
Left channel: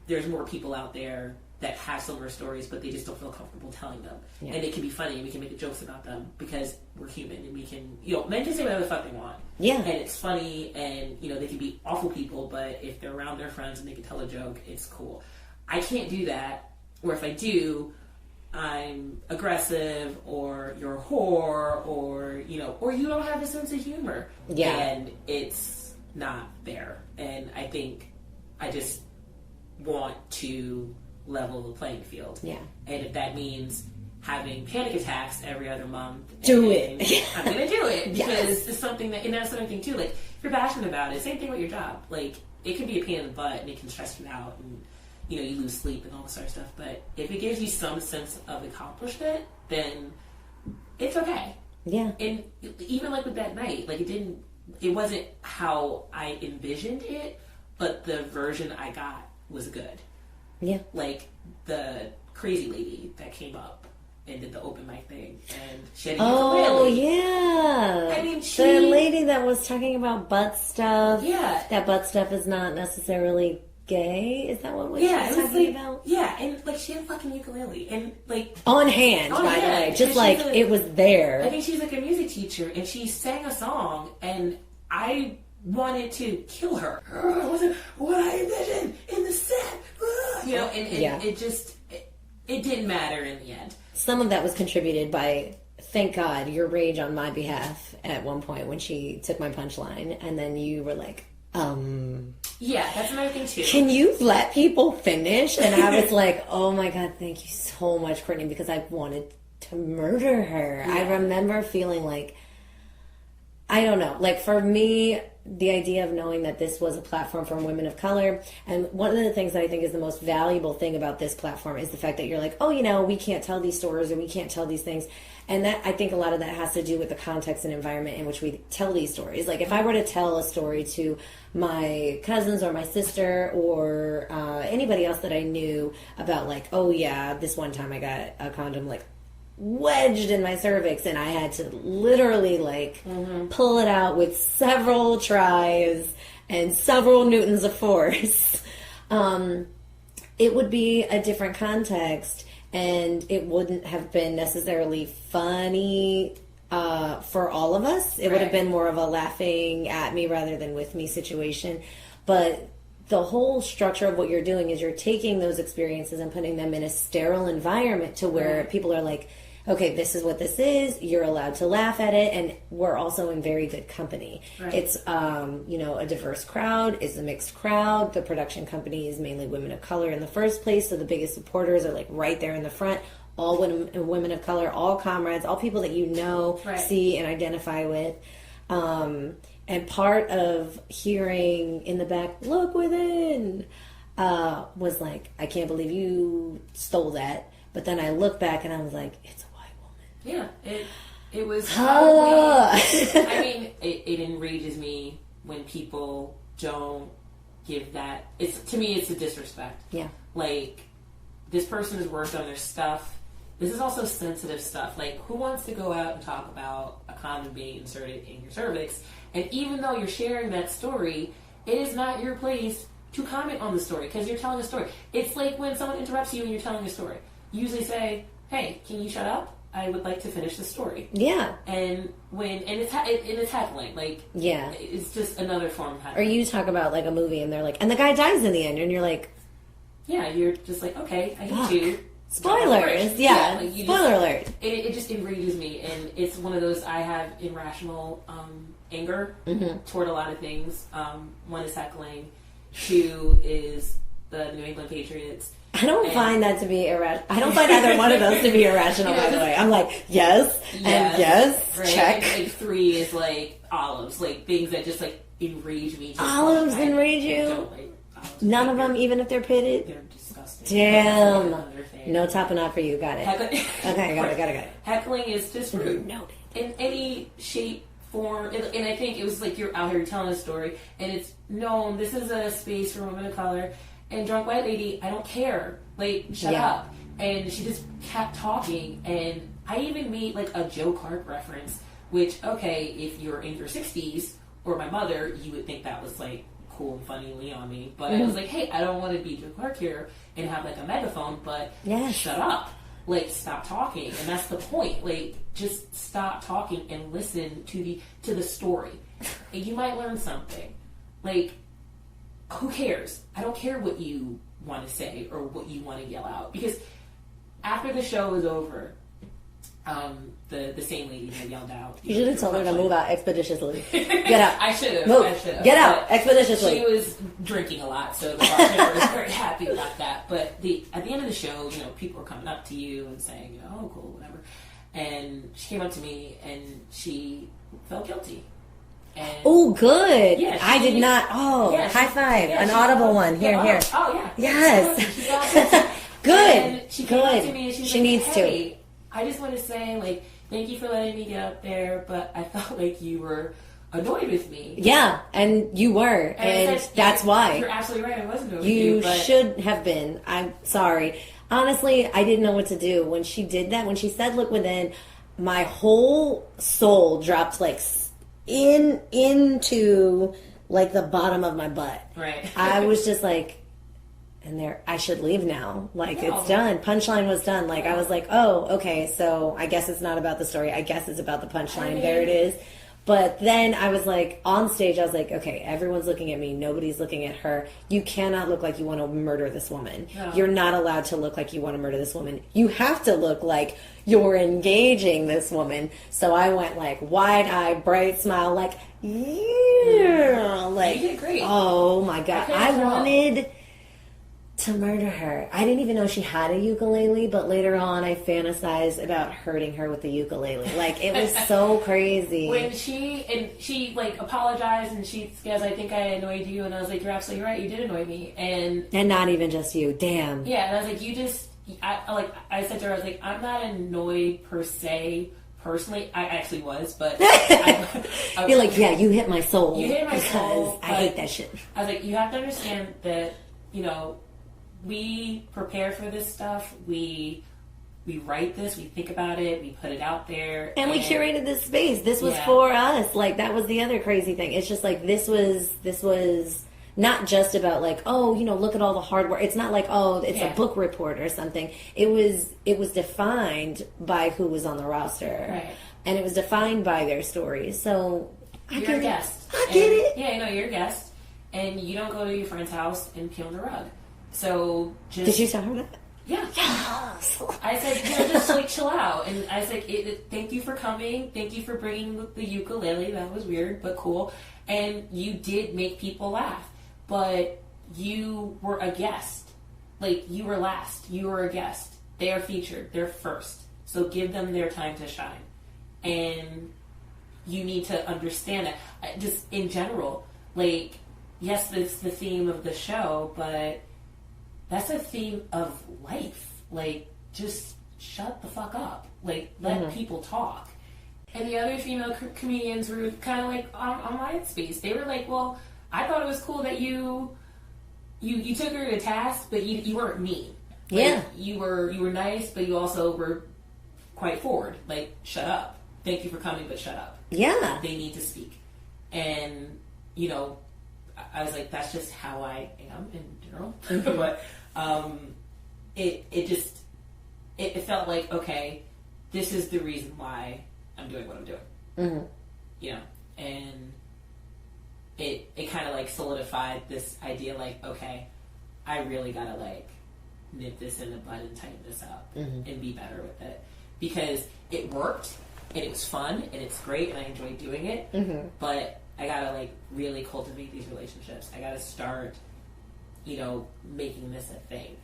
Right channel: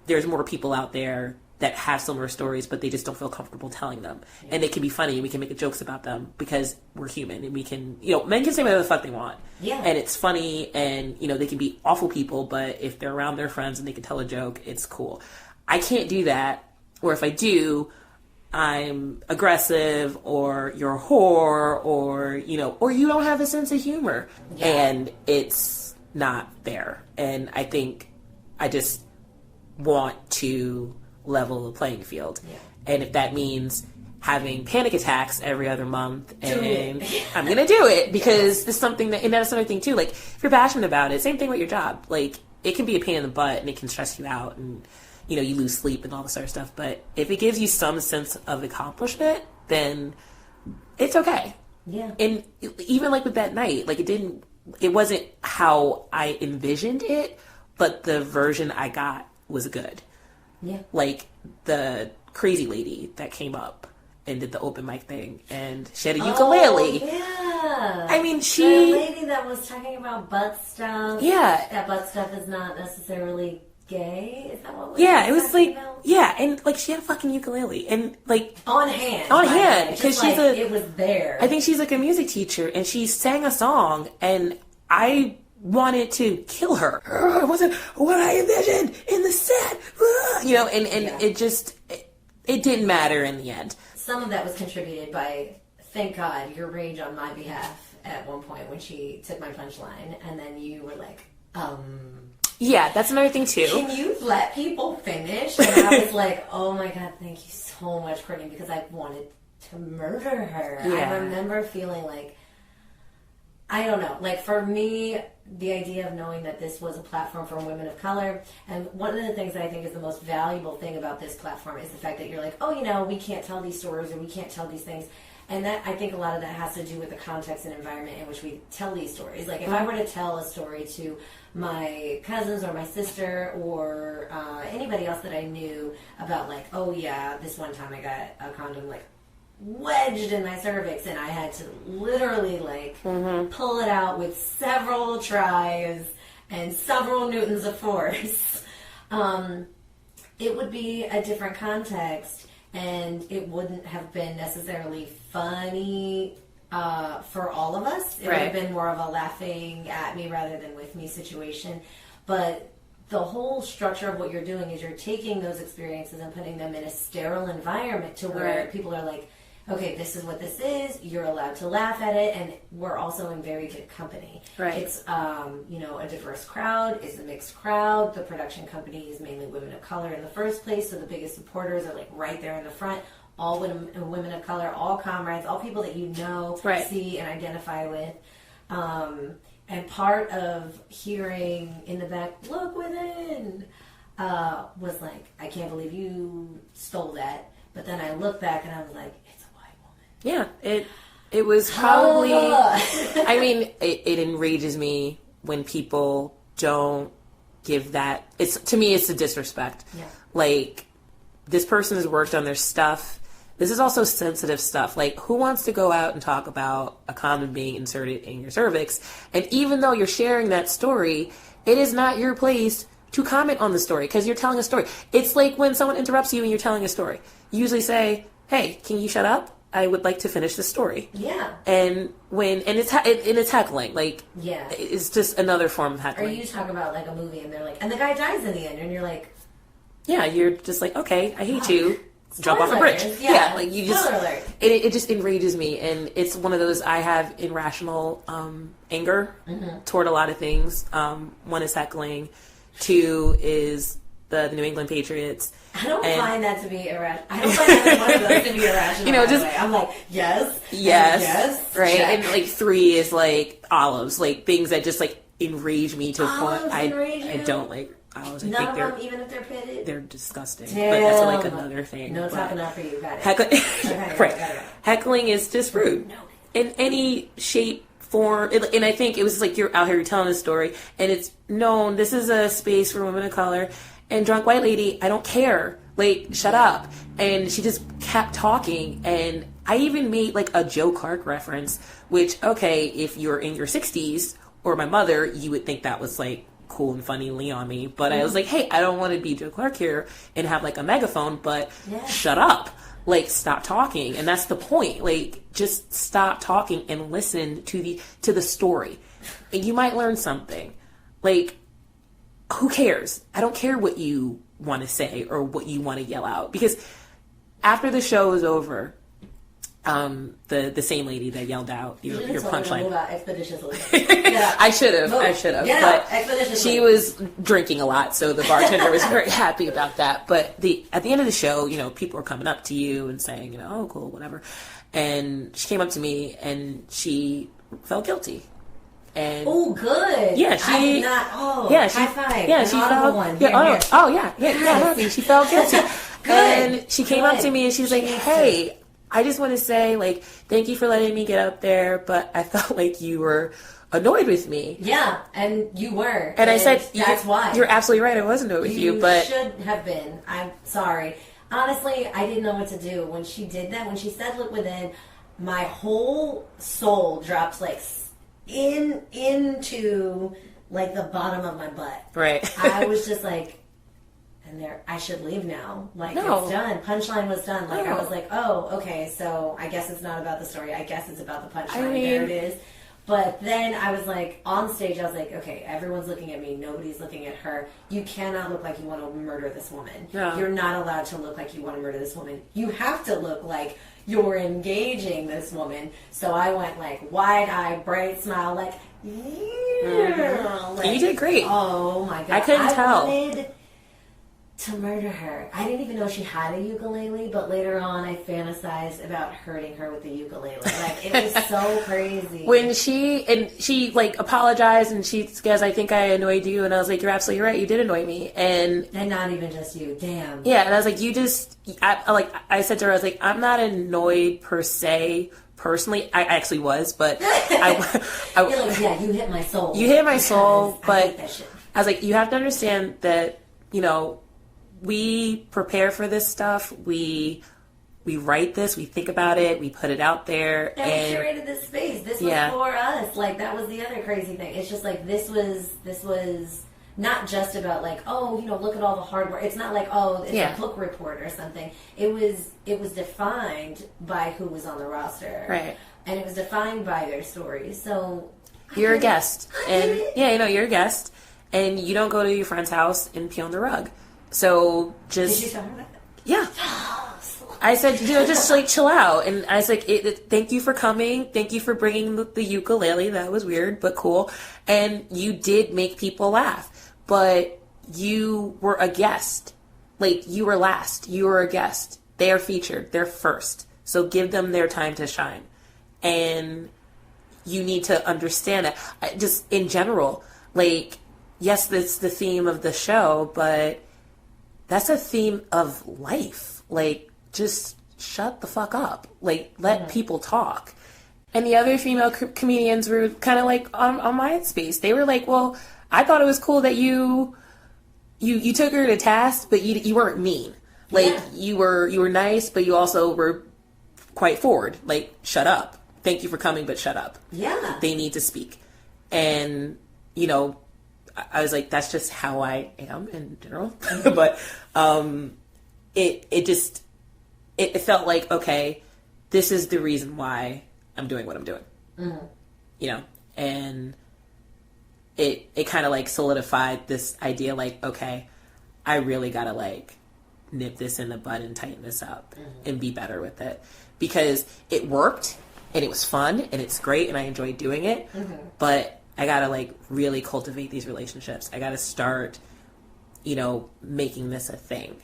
there's more people out there that have similar stories, but they just don't feel comfortable telling them. And they can be funny and we can make jokes about them because we're human and we can, men can say whatever the fuck they want. Yeah. And it's funny and, they can be awful people, but if they're around their friends and they can tell a joke, it's cool. I can't do that. Or if I do, I'm aggressive, or you're a whore, or you don't have a sense of humor. Yeah. And it's not there. And I think I just want to level the playing field. Yeah. And if that means having panic attacks every other month, I'm going to do it because it's something and that's another thing too. Like, if you're passionate about it, same thing with your job. Like, it can be a pain in the butt and it can stress you out and you lose sleep and all this other stuff. But if it gives you some sense of accomplishment, then it's okay. Yeah. And even like with that night, like it wasn't how I envisioned it, but the version I got was good. Yeah. Like the crazy lady that came up and did the open mic thing, and she had a ukulele. Oh, yeah. I mean, the lady that was talking about butt stuff. Yeah. That butt stuff is not necessarily gay? Is that what we it was like about? Yeah, and like she had a fucking ukulele and like on hand. Just like it was there. I think she's like a music teacher and she sang a song and I wanted to kill her. It wasn't what I envisioned in the set. It didn't matter in the end. Some of that was contributed by, thank God, your rage on my behalf at one point when she took my punchline and then you were like, yeah, that's another thing too. Can you let people finish? And I was like, oh my God, thank you so much, Courtney, because I wanted to murder her. Yeah. I remember feeling like, I don't know, like for me, the idea of knowing that this was a platform for women of color, and one of the things that I think is the most valuable thing about this platform is the fact that you're like, oh, we can't tell these stories or we can't tell these things. And that, I think a lot of that has to do with the context and environment in which we tell these stories. Like, if I were to tell a story to my cousins or my sister or anybody else that I knew about, like, oh, yeah, this one time I got a condom, like, wedged in my cervix, and I had to literally like pull it out with several tries and several newtons of force. It would be a different context, and it wouldn't have been necessarily funny for all of us. It would have been more of a laughing at me rather than with me situation. But the whole structure of what you're doing is you're taking those experiences and putting them in a sterile environment to where people are like, okay, this is what this is. You're allowed to laugh at it, and we're also in very good company. Right. It's a diverse crowd. It's a mixed crowd. The production company is mainly women of color in the first place, so the biggest supporters are like right there in the front. All women of color, all comrades, all people that you know, see, and identify with. And part of hearing in the back, "Look within," was like, I can't believe you stole that. But then I look back and I was like, it's a white woman. Yeah, it was probably. I mean, it enrages me when people don't give that. To me, it's a disrespect. Yeah, like this person has worked on their stuff. This is also sensitive stuff. Like, who wants to go out and talk about a condom being inserted in your cervix? And even though you're sharing that story, it is not your place to comment on the story because you're telling a story. It's like when someone interrupts you and you're telling a story. You usually say, "Hey, can you shut up? I would like to finish the story." Yeah. And it's heckling. Like, yeah, it's just another form of heckling. Or you talk about like a movie and they're like, and the guy dies in the end, and you're like, yeah, you're just like, okay, I hate you. Jump off a bridge. Yeah, like you just. Spoiler alert. It just enrages me, and it's one of those I have irrational anger toward a lot of things. One is heckling. Two is the New England Patriots. I don't find that to be irrational. I don't find either one of those to be irrational. I'm like, yes, right. Check. And like 3 is like olives, like things that just like enrage me to olives enrage you. I don't like. None of them, even if they're pitted? They're disgusting. Damn. But that's like another thing. No topping off for you. Got it. Okay, got it. Heckling is just rude. No. In any shape, form. And I think it was like you're out here telling a story, and it's known this is a space for women of color. And drunk white lady, I don't care. Like, shut up. And she just kept talking. And I even made like a Joe Clark reference, which, okay, if you're in your 60s, or my mother, you would think that was like, cool and funny on me, but I was like, hey, I don't want to be Joe Clark here and have like a megaphone, but shut up, like stop talking. And that's the point, like just stop talking and listen to the story, and you might learn something. Like, who cares? I don't care what you want to say or what you want to yell out, because after the show is over, the same lady that yelled out. You should have told her to move out expeditiously. Get out. I should have. Get out expeditiously. She was drinking a lot, so the bartender was very happy about that. But at the end of the show, people were coming up to you and saying, oh, cool, whatever. And she came up to me and she felt guilty. And oh, good. Yeah, I did not. Oh, yeah, high five. Yeah, an audible one. Here, here. Oh, yeah. Yes. And she felt guilty. Good. And she came up to me and she was like, hey, I just want to say, like, thank you for letting me get up there, but I felt like you were annoyed with me. Yeah, and you were. And I said, that's why. You're absolutely right. I was annoyed with you, but you should have been. I'm sorry. Honestly, I didn't know what to do. When she did that, when she said, look within, my whole soul dropped, like, into, like, the bottom of my butt. Right. I was just like, and I should leave now. Like, it's done. Punchline was done. Like, I was like, oh, okay, so I guess it's not about the story. I guess it's about the punchline. There it is. But then I was like, on stage, I was like, okay, everyone's looking at me. Nobody's looking at her. You cannot look like you want to murder this woman. No. You're not allowed to look like you want to murder this woman. You have to look like you're engaging this woman. So I went like wide-eyed, bright smile, like, yeah. Like, you did great. Oh, my God. I couldn't tell. Wanted to murder her. I didn't even know she had a ukulele, but later on I fantasized about hurting her with the ukulele. Like, it was so crazy. When she like apologized and she goes, I think I annoyed you, and I was like, you're absolutely right, you did annoy me. And not even just you. Damn. Yeah, and I was like, I said to her, I was like, I'm not annoyed per se. Personally, I actually was, but you're like, yeah, you hit my soul. You hit my soul, but I hate that shit. I was like, you have to understand that, we prepare for this stuff. We write this, we think about it, we put it out there. And we curated this space. This was for us. Like, that was the other crazy thing. It's just like, this was not just about like, oh, you know, look at all the hard work. It's not like, oh, it's a book report or something. It was defined by who was on the roster. Right. And it was defined by their stories. So you're a guest. Yeah, you know, you're a guest. And you don't go to your friend's house and pee on the rug. So just... Did you tell her that? Yeah. Yes. I said, you know, just like chill out. And I was like, thank you for coming. Thank you for bringing the ukulele. That was weird, but cool. And you did make people laugh. But you were a guest. Like, you were last. You were a guest. They are featured. They're first. So give them their time to shine. And you need to understand that. Just in general, like, yes, that's the theme of the show, but that's a theme of life. Like, just shut the fuck up. Like, let people talk. And the other female comedians were kind of like on my space. They were like, well, I thought it was cool that you took her to task, but you weren't mean. Like, you were nice, but you also were quite forward. Like, shut up. Thank you for coming, but shut up. Yeah. They need to speak. And, you know, I was like, that's just how I am in general. But it felt like, okay, this is the reason why I'm doing what I'm doing. Mm-hmm. You know, and it kind of like solidified this idea, like, okay, I really gotta like nip this in the bud and tighten this up and be better with it, because it worked and it was fun and it's great and I enjoy doing it, but I gotta like really cultivate these relationships. I gotta start, you know, making this a thing.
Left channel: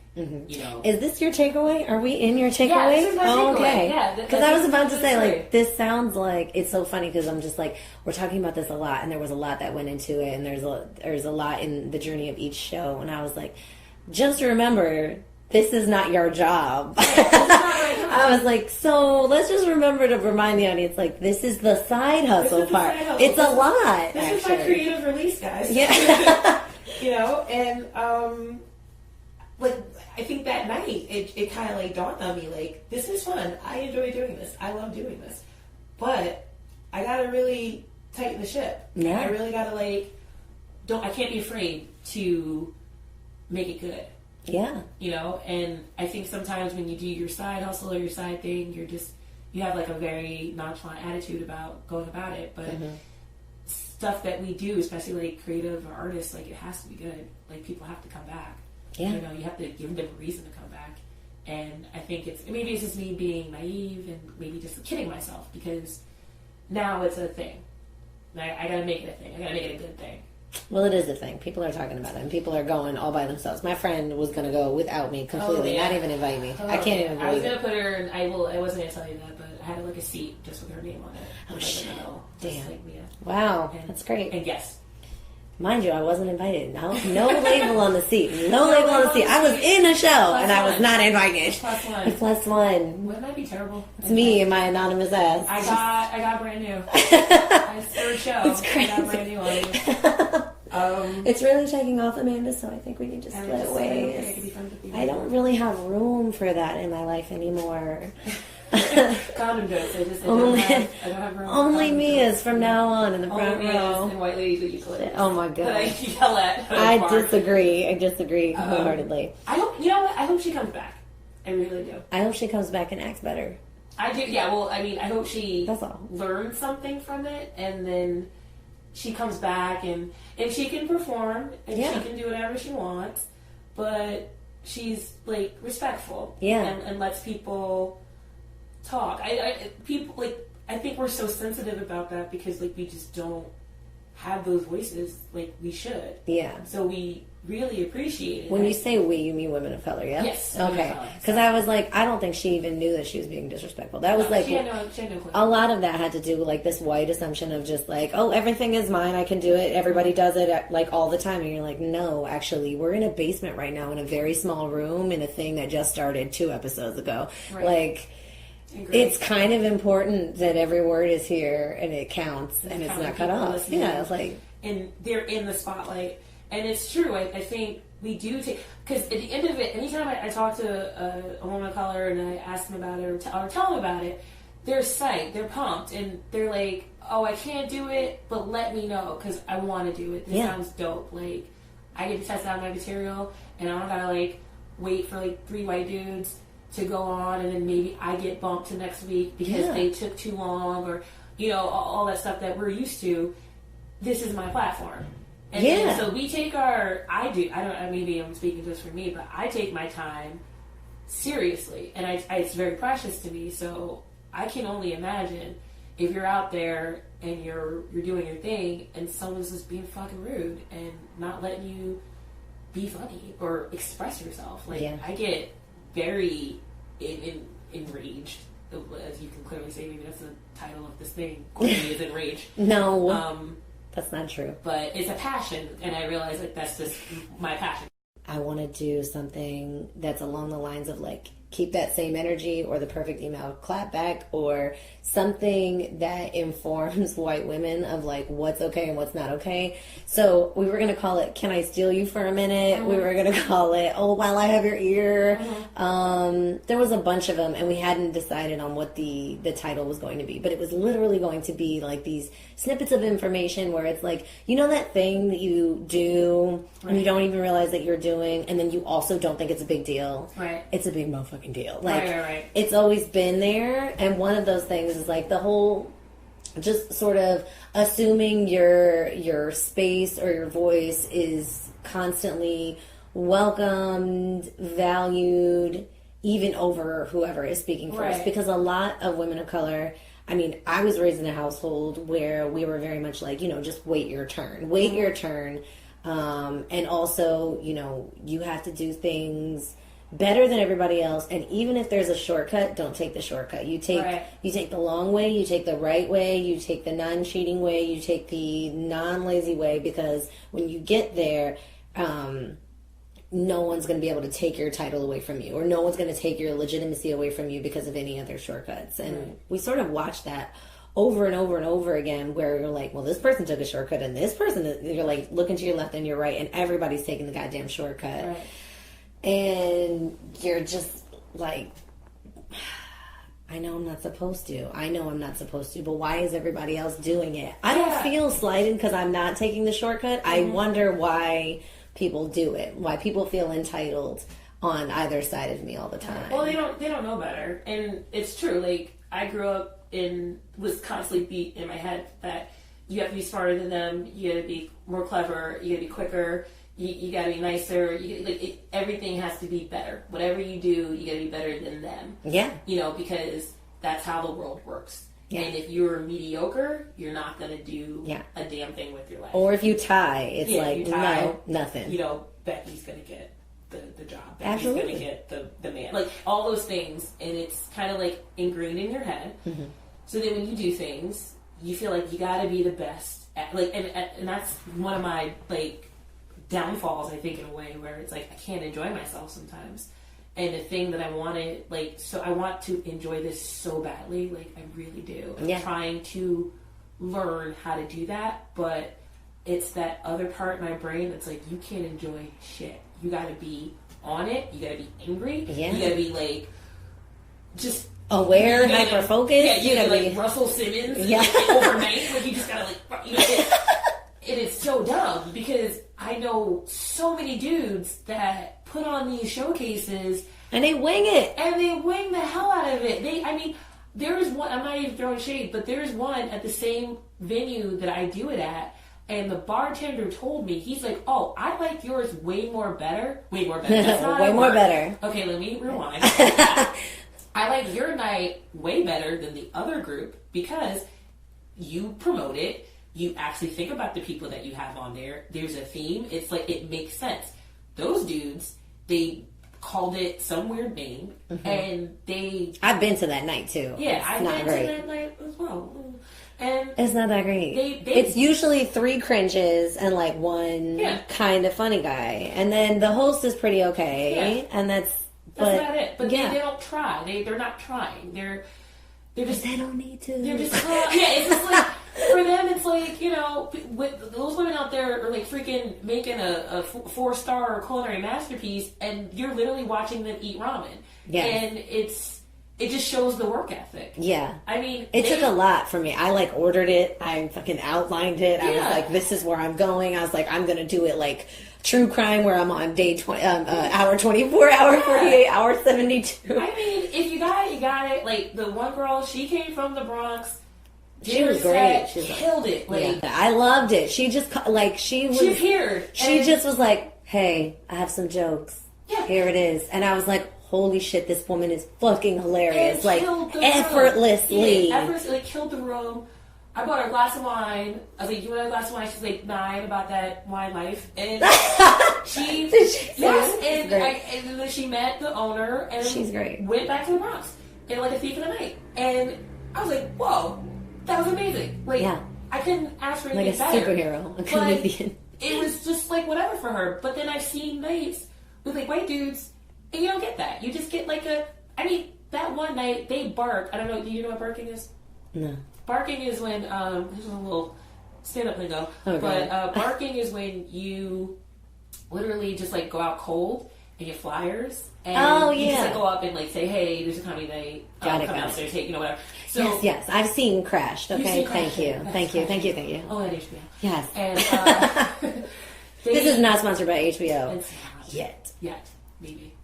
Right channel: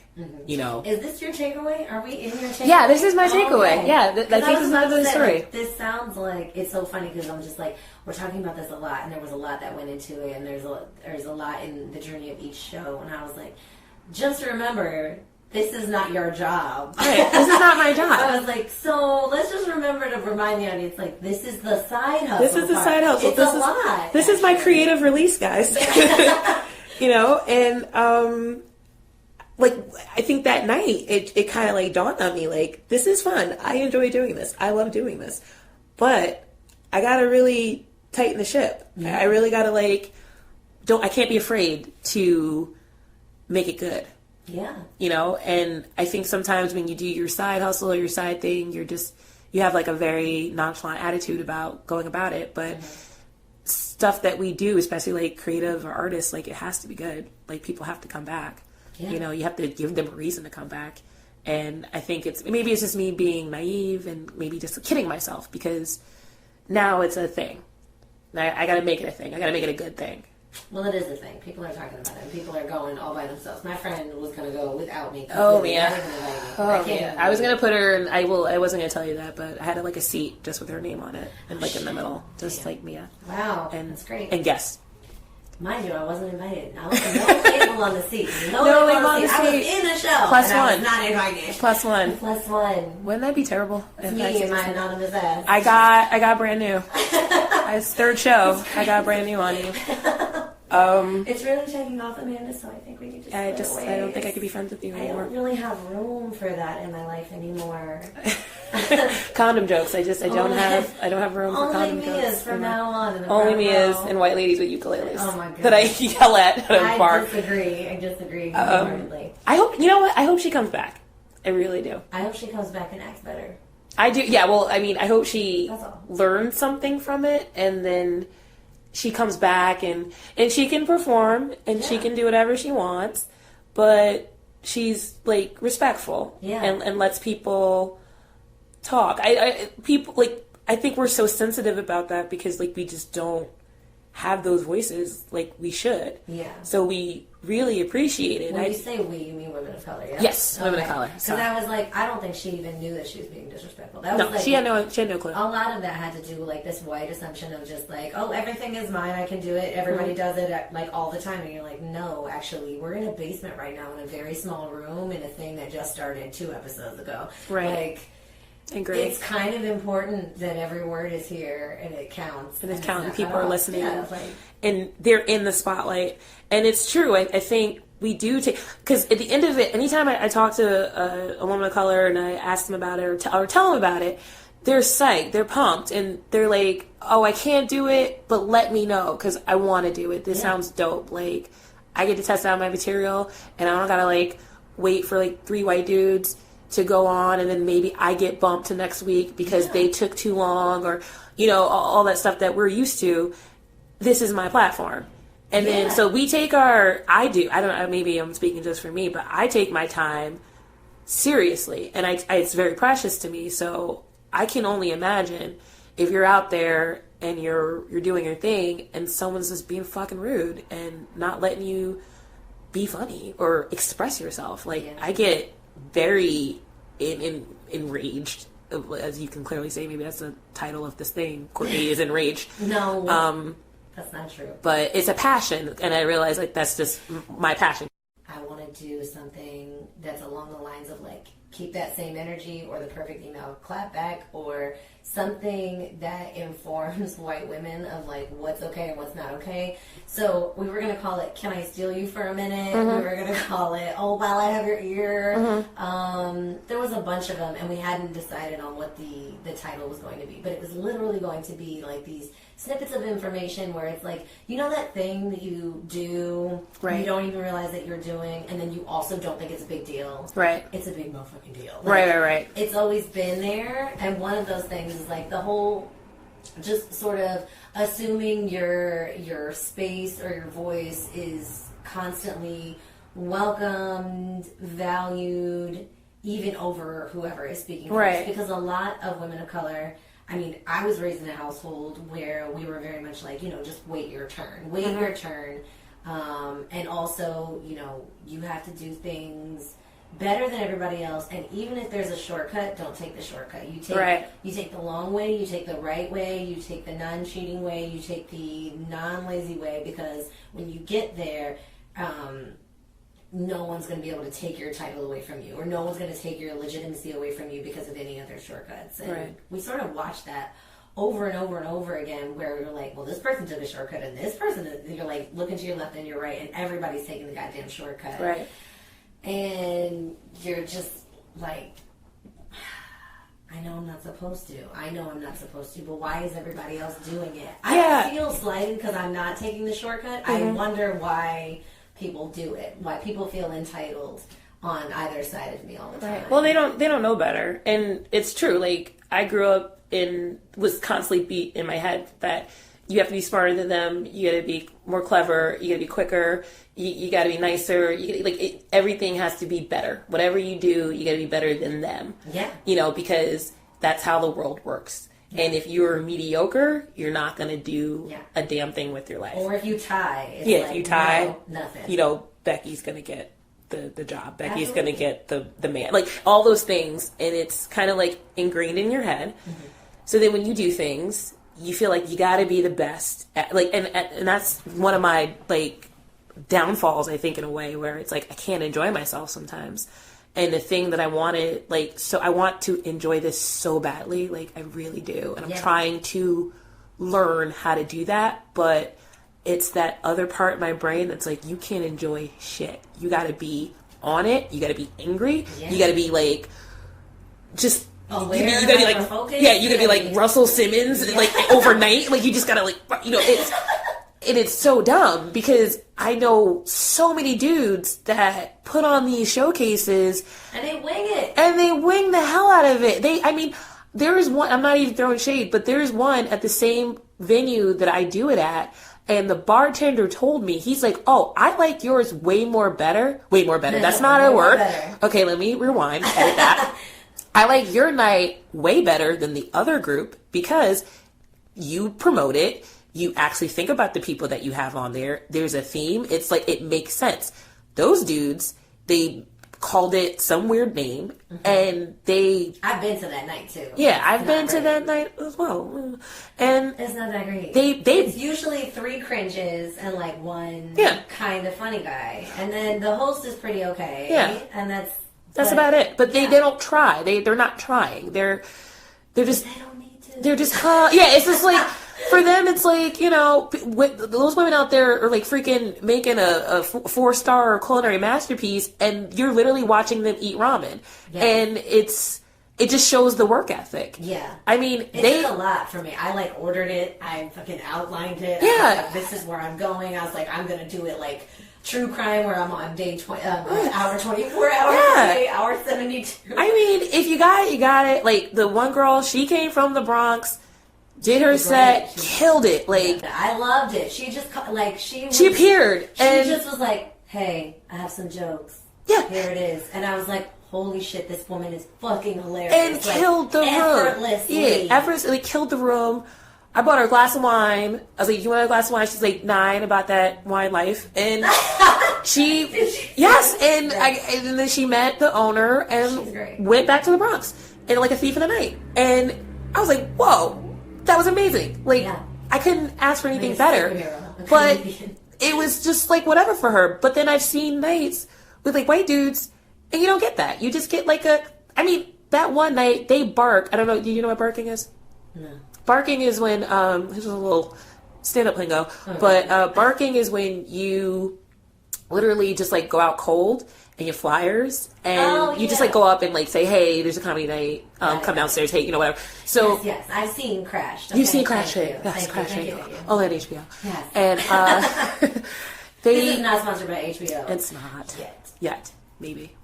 You know, is this your takeaway? Are we in your takeaway? Yeah, this is my takeaway. Okay. Yeah, because I was about to say, like, this sounds like, it's so funny because I'm just like, we're talking about this a lot, and there was a lot that went into it, and there's a lot in the journey of each show, and I was like, just remember, this is not your job. Right, this is not my job. I was like, so let's just remember to remind the audience, like, this is the side hustle. This is the side hustle. It's a lot. This is my creative release, guys. Yeah. You know, and like, I think that night it kind of like dawned on me, like, this is fun. I enjoy doing this. I love doing this, but I gotta really tighten the ship. Yeah. I really gotta like, I can't be afraid to make it good. Yeah. You know, and I think sometimes when you do your side hustle or your side thing, you have like a very nonchalant attitude about going about it, but stuff that we do, especially like creative or artists, like, it has to be good. Like, people have to come back. Yeah. You know, you have to give them a reason to come back. And I think maybe it's just me being naive and maybe just kidding myself, because now it's a thing. I gotta make it a thing. I gotta make it a good thing. Well, it is a thing. People are talking about it, and people are going all by themselves. My friend was going to go without me completely. Not even invite me. I can't even. I was going to put her, and I wasn't going to tell you that, but I had like a seat just with her name on it, like in the middle, just like Mia. Wow, that's great. And guest. Mind you, I wasn't invited. No label on the seat. No label on the seat. I was in the show, and I was not invited. +1. +1. Wouldn't that be terrible? It's me and my anonymous ass. I got brand new. It's third show. I got brand new on you. It's really taking off, Amanda, so I think we need to split away. I don't think I could be friends with you anymore. I don't really have room for that in my life anymore. Condom jokes. I don't have room. Only Mia's from now on. In the only Mia's and white ladies with ukuleles. Oh my god! That I yell at. I disagree wholeheartedly. I hope, you know what? I hope she comes back. I really do. I hope she comes back and acts better. I do. Yeah. Well, I mean, I hope she learns something from it, and then she comes back and she can perform and she can do whatever she wants, but she's like respectful. Yeah. And lets people talk. People, like, I think we're so sensitive about that because, like, we just don't have those voices like we should. Yeah. So we really appreciate it. When you say we, you mean women of color, yeah? Yes, women of color. Because I was like, I don't think she even knew that she was being disrespectful. That was she had no clue. A lot of that had to do with, like, this white assumption of just like, oh, everything is mine, I can do it, everybody does it, like, all the time. And you're like, no, actually, we're in a basement right now in a very small room in a thing that just started 2 episodes ago. Right. Like, it's kind of important that every word is here and it counts. And it's counting. People are listening. Yeah, and they're in the spotlight. And it's true. I think we do take, because at the end of it, anytime I talk to a woman of color and I ask them about it or tell them about it, they're psyched, they're pumped, and they're like, oh, I can't do it, but let me know because I want to do it. This sounds dope. Like, I get to test out my material, and I don't gotta like wait for like 3 white dudes to go on, and then maybe I get bumped to next week because they took too long, or all that stuff that we're used to. This is my platform. And then, so we take I don't know, maybe I'm speaking just for me, but I take my time seriously, and it's very precious to me. So I can only imagine if you're out there and you're doing your thing and someone's just being fucking rude and not letting you be funny or express yourself. Like, I get very enraged, as you can clearly say. Maybe that's the title of this thing. Courtney is enraged. No. That's not true. But it's a passion, and I realize, like, that's just my passion. I want to do something that's along the lines of, like, keep that same energy, or the perfect email clap back, or something that informs white women of, like, what's okay and what's not okay. So we were going to call it, Can I Steal You for a Minute? We were going to call it, Oh, While I Have Your Ear. There was a bunch of them, and we hadn't decided on what the title was going to be. But it was literally going to be, like, these snippets of information where it's like, that thing that you do, you don't even realize that you're doing, and then you also don't think it's a big deal. Right. It's a big motherfucking deal. Like, right. It's always been there, and one of those things is like the whole, just sort of assuming your space or your voice is constantly welcomed, valued, even over whoever is speaking first. Because a lot of women of color, I mean, I was raised in a household where we were very much like, just wait your turn. Wait your turn. And also, you have to do things better than everybody else. And even if there's a shortcut, don't take the shortcut. You take the long way, you take the right way, you take the non-cheating way, you take the non-lazy way, because when you get there, no one's going to be able to take your title away from you, or no one's going to take your legitimacy away from you because of any other shortcuts. And we sort of watch that over and over and over again, where you're like, well, this person took a shortcut, and this person, you're like looking to your left and your right, and everybody's taking the goddamn shortcut. Right. And you're just like, I know I'm not supposed to, but why is everybody else doing it? I don't feel slighted because I'm not taking the shortcut. I wonder why people do it, why people feel entitled on either side of me all the time. Right. Well, they don't know better. And it's true. Like, I grew up was constantly beat in my head that you have to be smarter than them, you gotta be more clever, you gotta be quicker, you gotta be nicer, everything has to be better. Whatever you do, you gotta be better than them. Yeah. Because that's how the world works. Yeah. And if you're mediocre, you're not gonna do a damn thing with your life. Or if you tie, it's like, if you tie, no, nothing. Becky's gonna get the job. Becky's gonna get the man. Like, all those things, and it's kind of like ingrained in your head. Mm-hmm. So then when you do things, you feel like you gotta be the best at, and that's one of my downfalls, I think, in a way, where it's like I can't enjoy myself sometimes. And the thing that I wanted, so I want to enjoy this so badly, I really do. And I'm trying to learn how to do that, but it's that other part of my brain that's like, you can't enjoy shit. You gotta be on it. You gotta be angry. Yeah. You gotta be just aware, you gotta be focused. Yeah, you gotta be Russell Simmons, overnight. You just gotta it's so dumb, because I know so many dudes that put on these showcases and they wing it, and they wing the hell out of it. There is one, I'm not even throwing shade, but there's one at the same venue that I do it at, and the bartender told me, he's like, oh, I like yours way more better. That's not a word. Okay, let me rewind. I like your night way better than the other group because you promote it. You actually think about the people that you have on there. There's a theme. It's it makes sense. Those dudes, they called it some weird name, and I've been to that night too. Yeah, I've been to that night as well, and it's not that great. It's usually 3 cringes and one kind of funny guy, and then the host is pretty okay. Yeah, and that's about it. But they don't try. They're not trying. They don't need to. They're just, it's just like, for them, it's like, you know, those women out there are like freaking making a 4-star culinary masterpiece, and you're literally watching them eat ramen. Yeah. And it just shows the work ethic. Yeah. I mean, it took a lot for me. I like ordered it. I fucking outlined it. Yeah. I was like, this is where I'm going. I was like, I'm going to do it like true crime where I'm on day 20, hour 24, hour 48, hour 72. I mean, if you got it, you got it. Like, the one girl, she came from the Bronx, did her set, killed it. Like, I loved it. She just, like, she appeared. She just was like, hey, I have some jokes. Yeah. Here it is. And I was like, holy shit, this woman is fucking hilarious. And killed the room. Effortlessly. Yeah, effortlessly killed the room. I bought her a glass of wine. I was like, you want a glass of wine? She's like 9 about that wine life. And yes. And then she met the owner and went back to the Bronx and like a thief in the night. And I was like, whoa, that was amazing. Like, I couldn't ask for anything better. Superhero, but it was just like whatever for her. But then I've seen nights with like white dudes, and you don't get that. You just get like that one night they bark. I don't know. Do you know what barking is? No. Barking is when, this is a little stand-up lingo, but barking is when you literally just like go out cold and you flyers and you just like go up and like say, hey, there's a comedy night, come downstairs, hey, you know, whatever. So yes, I've seen Crashed. Okay? You've seen Crashed. Thank you. Oh, at HBO. Yes. And this is not sponsored by HBO. It's not. Yet. Maybe.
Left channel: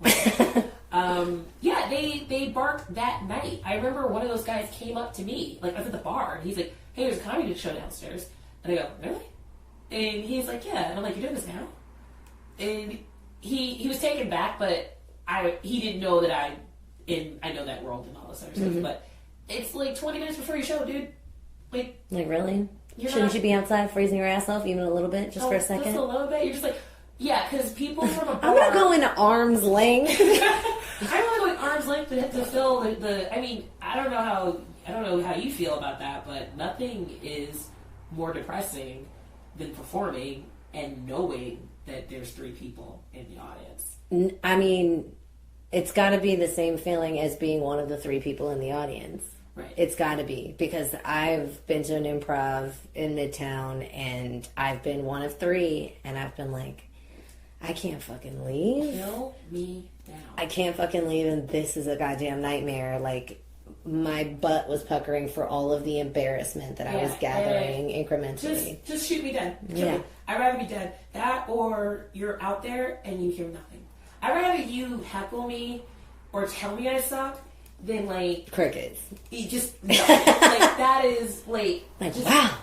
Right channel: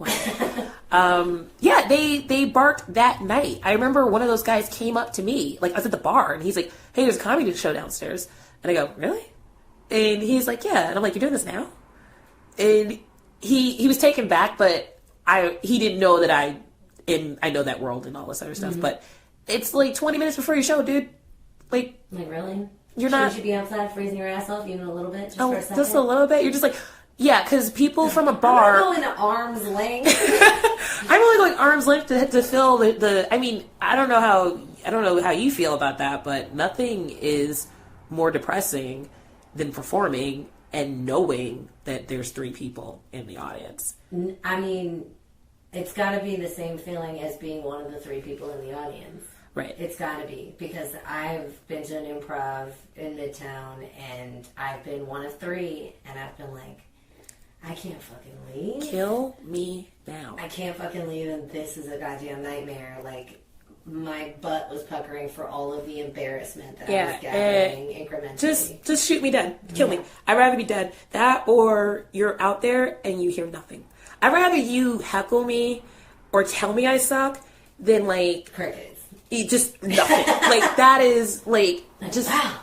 They barked that night. I remember one of those guys came up to me, like I was at the bar, and he's like, hey, there's a comedy show downstairs. And I go, really? And he's like, yeah. And I'm like, you're doing this now? And he was taken back, but he didn't know that I know that world and all this other stuff. But it's like 20 minutes before your show, dude. Like really? Shouldn't you be outside freezing your ass off even a little bit, just for a second? Just a little bit. You're just like, yeah, because people from a bar. I'm not going to arm's length. I'm only going arm's length to fill the. I mean, I don't know how you feel about that, but nothing is more depressing than performing and knowing that there's 3 people in the audience. I mean, it's got to be the same feeling as being one of the 3 people in the audience. Right. It's got to be, because I've been to an improv in Midtown, and I've been one of 3, and I've been like, I can't fucking leave. Kill me now. I can't fucking leave, and this is a goddamn nightmare. Like, my butt was puckering for all of the embarrassment that I was gathering incrementally. Just shoot me dead. Kill me. I'd rather be dead. That, or you're out there and you hear nothing. I'd rather you heckle me or tell me I suck than like crickets. Just nothing. Like, that is like just wow.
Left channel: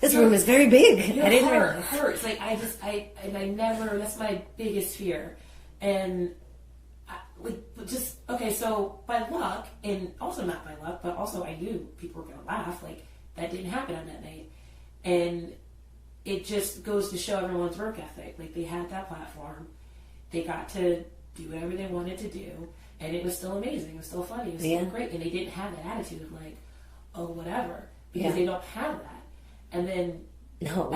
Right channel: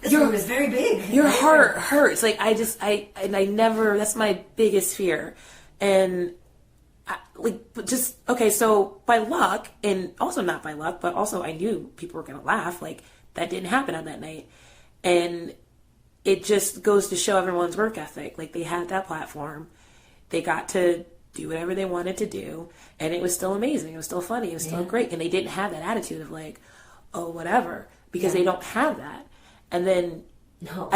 This room is very big. Your heart hurts. Like, I never, that's my biggest fear. And, so by luck, and also not by luck, but also I knew people were going to laugh. Like, that didn't happen on that night. And it just goes to show everyone's work ethic. Like, they had that platform. They got to do whatever they wanted to do. And it was still amazing. It was still funny. It was still great. And they didn't have that attitude of like, oh, whatever. Because they don't have that. And then no,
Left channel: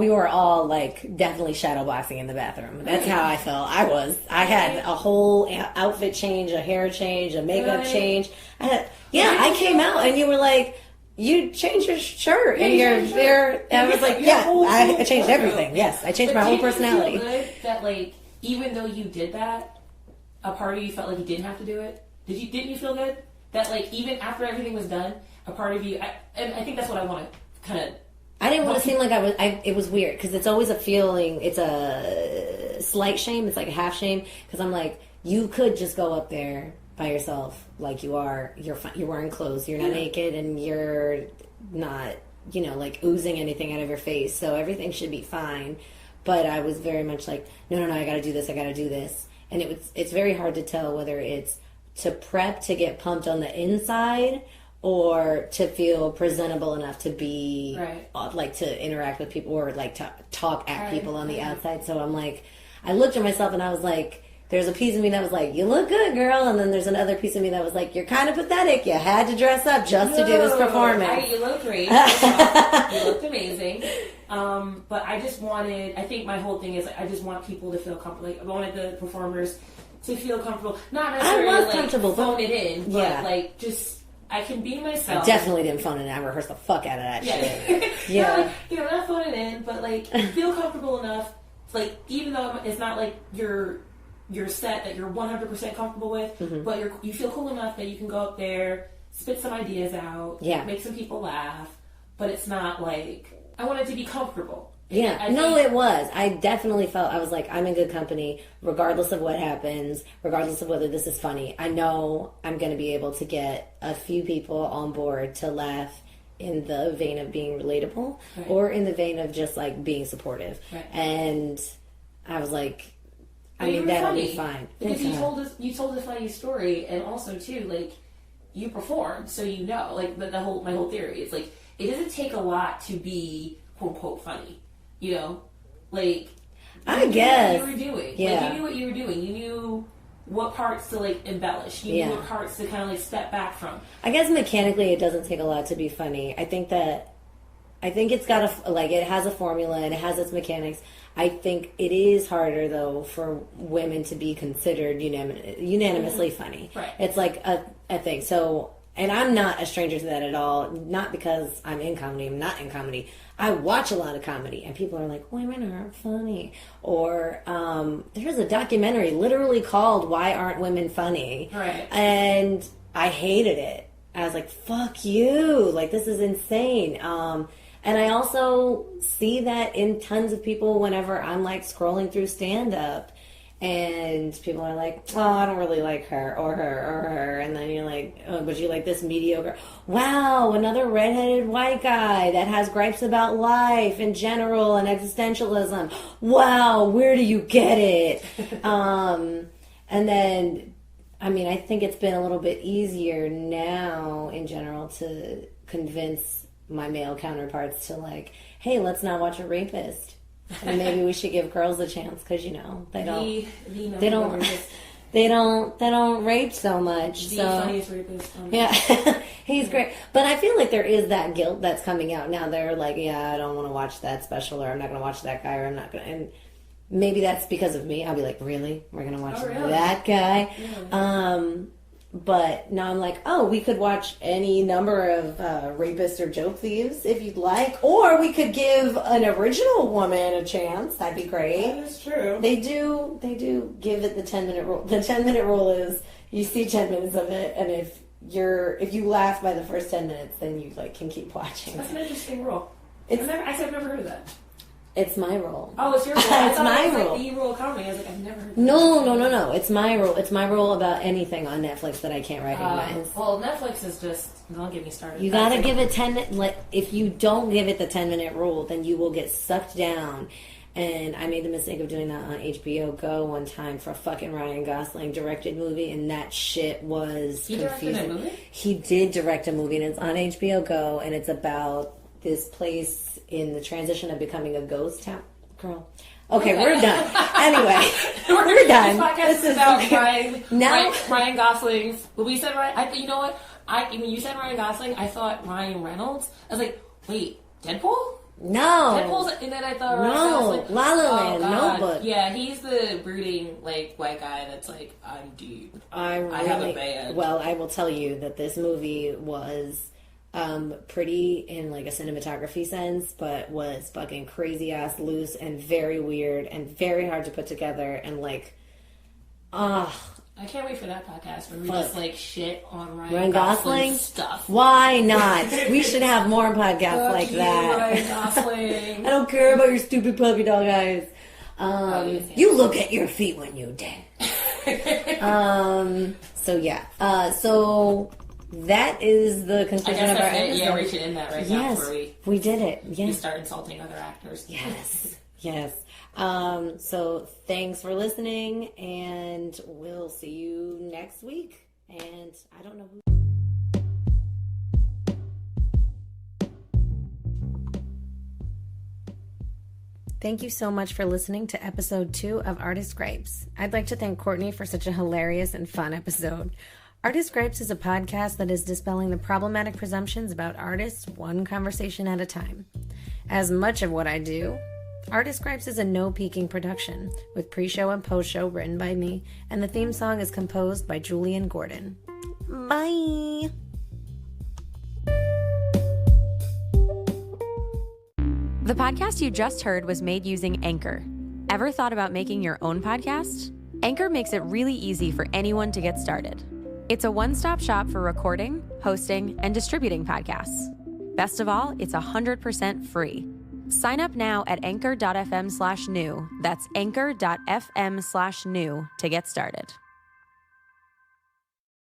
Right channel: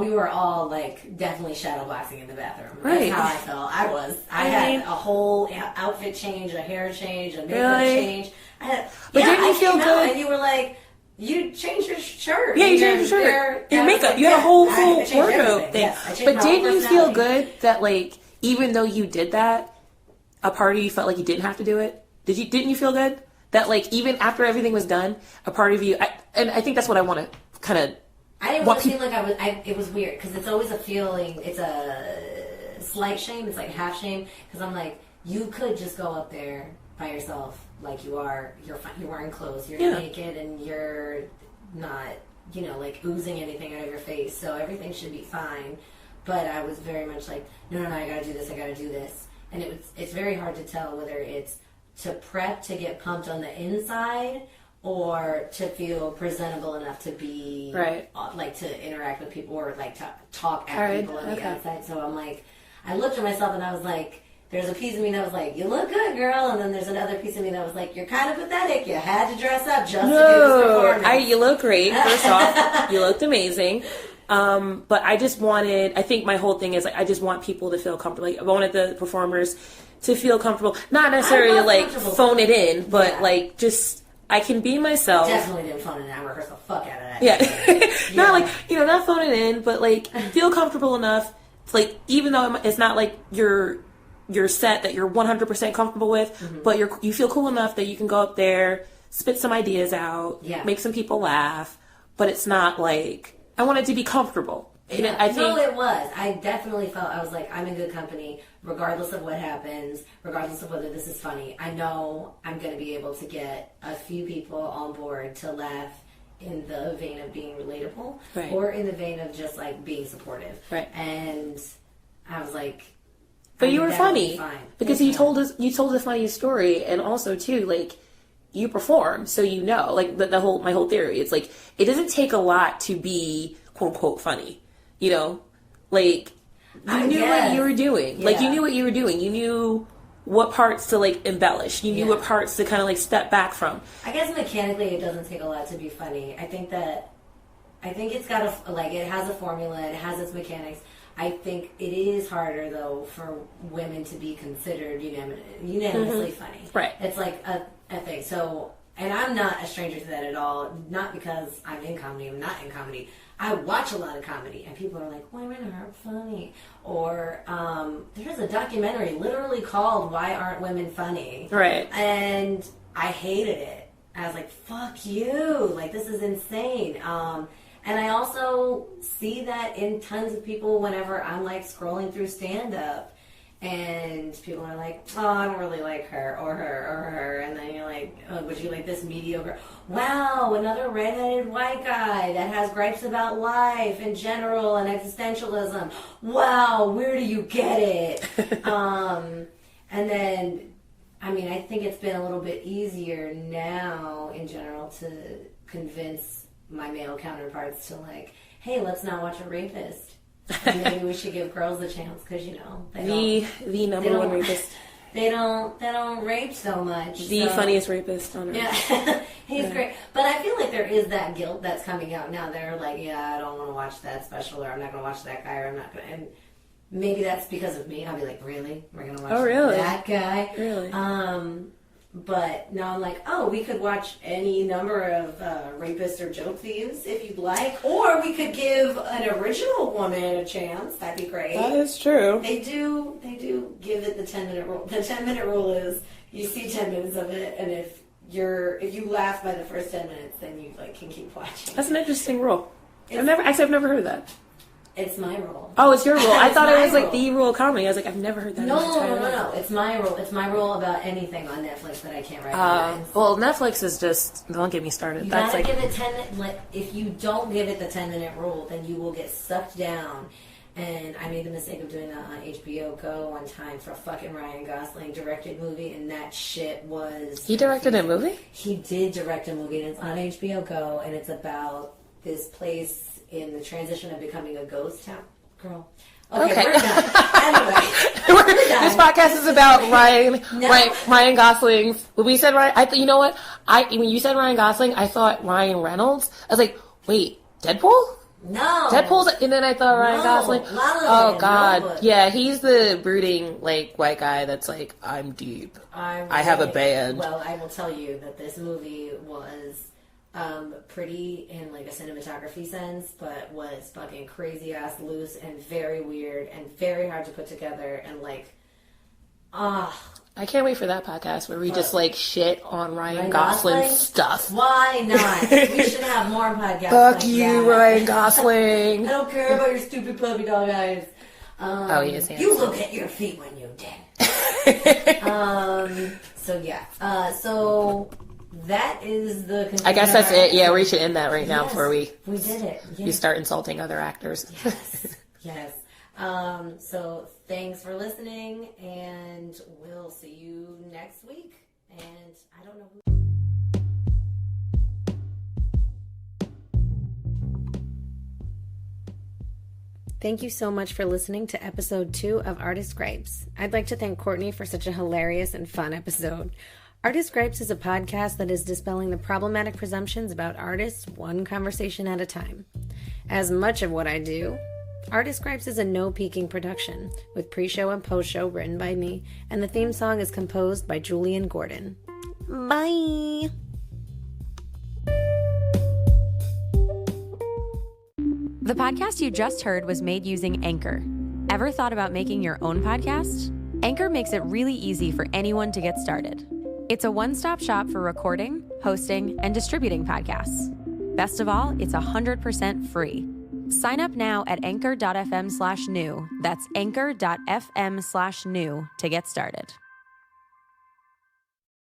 we were all like definitely shadowboxing in the bathroom. That's how I felt. I had a whole outfit change, a hair change, a makeup change. I came out and you were like, you changed your shirt. Yeah, you changed your shirt. Your makeup. You had a whole I changed everything. Yes, I changed my whole personality. But didn't you feel good that like even though you did that, a part of you felt like you didn't have to do it? Didn't you feel good that like even after everything was done, a part of you? And I think that's what I want to kind of. I didn't want to feel like I was. It was weird because it's always a feeling. It's a slight shame. It's like a half shame because I'm like, you could just go up there by yourself, like you are. You're fine. You're wearing clothes. You're not naked, and you're not, like oozing anything out of your face. So everything should be fine. But I was very much like, no, I got to do this. I got to do this, and it's very hard to tell whether it's to prep to get pumped on the inside, or to feel presentable enough to be like to interact with people or like to talk at people on the outside. So I'm like, I looked at myself and I was like, there's a piece of me that was like, you look good, girl, and then there's another piece of me that was like, you're kind of pathetic. You had to dress up just to do this performance. You look great. First off, you looked amazing. But I think my whole thing is like, I just want people to feel comfortable. Like, I wanted the performers to feel comfortable, not necessarily like phone it in, but like just I can be myself. Definitely didn't phone it in. I rehearsed the fuck out of that Yeah. shit. Not like, not phone it in, but like feel comfortable enough. Like, even though it's not like your set that you're 100% comfortable with, but you feel cool enough that you can go up there, spit some ideas out, make some people laugh, but it's not like, I want it to be comfortable. Yeah, it was. I definitely felt, I was like, I'm in good company, regardless of what happens, regardless of whether this is funny. I know I'm going to be able to get a few people on board to laugh in the vein of being relatable, or in the vein of just, like, being supportive. Right. And I was like, but you were funny. Fine. Because you told a funny story, and also, too, like, you perform, so like, my whole theory, it's like, it doesn't take a lot to be, quote, unquote, funny. Like, you knew what you were doing. Yeah. Like, you knew what you were doing. You knew what parts to, like, embellish. You knew what parts to kind of, like, step back from. I guess mechanically it doesn't take a lot to be funny. I think it's got it has a formula and it has its mechanics. I think it is harder, though, for women to be considered unanimously funny. Right. It's like a thing. So, and I'm not a stranger to that at all. Not because I'm in comedy. I'm not in comedy. I watch a lot of comedy, and people are like, women aren't funny. Or there's a documentary literally called Why Aren't Women Funny? Right. And I hated it. I was like, fuck you. Like, this is insane. And I also see that in tons of people whenever I'm, like, scrolling through stand-up. And people are like, oh, I don't really like her, or her. And then you're like, oh, but you like this mediocre. Wow, another redheaded white guy that has gripes about life in general and existentialism. Wow, where do you get it? And then, I mean, I think it's been a little bit easier now in general to convince my male counterparts to, like, hey, let's not watch a rapist. And maybe we should give girls a chance because they don't rape so much. The funniest rapist on earth. Yeah, he's great. But I feel like there is that guilt that's coming out now. They're like, yeah, I don't want to watch that special, or I'm not going to watch that guy, or I'm not going to. And maybe that's because of me. I'll be like, really? We're going to watch that guy? Really? But now I'm like, oh, we could watch any number of rapists or joke thieves if you'd like. Or we could give an original woman a chance. That'd be great. That is true. They do give it the 10-minute rule. The 10-minute rule is you see 10 minutes of it, and if you laugh by the first 10 minutes, then you can keep watching. That's an interesting rule. I've never heard of that. It's my rule. Oh, it's your rule. I thought it was like the rule of comedy. I was like, I've never heard that. No. It's my rule. It's my rule about anything on Netflix that I can't recognize. Well, Netflix is just, don't get me started. You gotta give it 10. If you don't give it the 10-minute rule, then you will get sucked down. And I made the mistake of doing that on HBO Go one time for a fucking Ryan Gosling directed movie, and that shit was. He directed a movie? He did direct a movie, and it's on HBO Go, and it's about this place in the transition of becoming a ghost town. Girl. Okay, we're done. Anyway, we're done. This podcast is about Ryan Gosling. When we said Ryan, you know what? When you said Ryan Gosling, I thought Ryan Reynolds. I was like, wait, Deadpool? No. Deadpool's, and then I thought Ryan Gosling. La La Land, oh, God. No, yeah, he's the brooding, white guy that's like, I'm deep. I have a band. Well, I will tell you that this movie was pretty in a cinematography sense, but was fucking crazy ass loose and very weird and very hard to put together and I can't wait for that podcast where we just shit on Ryan Gosling stuff. Why not? We should have more podcasts Fuck you, Ryan Gosling. I don't care about your stupid puppy dog eyes. You look at your feet when you dead. So yeah. So that is the conclusion. I guess that's it. Yeah, we should end that now before we did it. Yes. You start insulting other actors. Yes. So thanks for listening, and we'll see you next week. And I don't know who. Thank you so much for listening to episode 2 of Artist Gripes. I'd like to thank Courtney for such a hilarious and fun episode. Artist Gripes is a podcast that is dispelling the problematic presumptions about artists one conversation at a time. As much of what I do, Artist Gripes is a no-peeking production, with pre-show and post-show written by me, and the theme song is composed by Julian Gordon. Bye! The podcast you just heard was made using Anchor. Ever thought about making your own podcast? Anchor makes it really easy for anyone to get started. It's a one-stop shop for recording, hosting, and distributing podcasts. Best of all, it's 100% free. Sign up now at anchor.fm/new. That's anchor.fm/new to get started.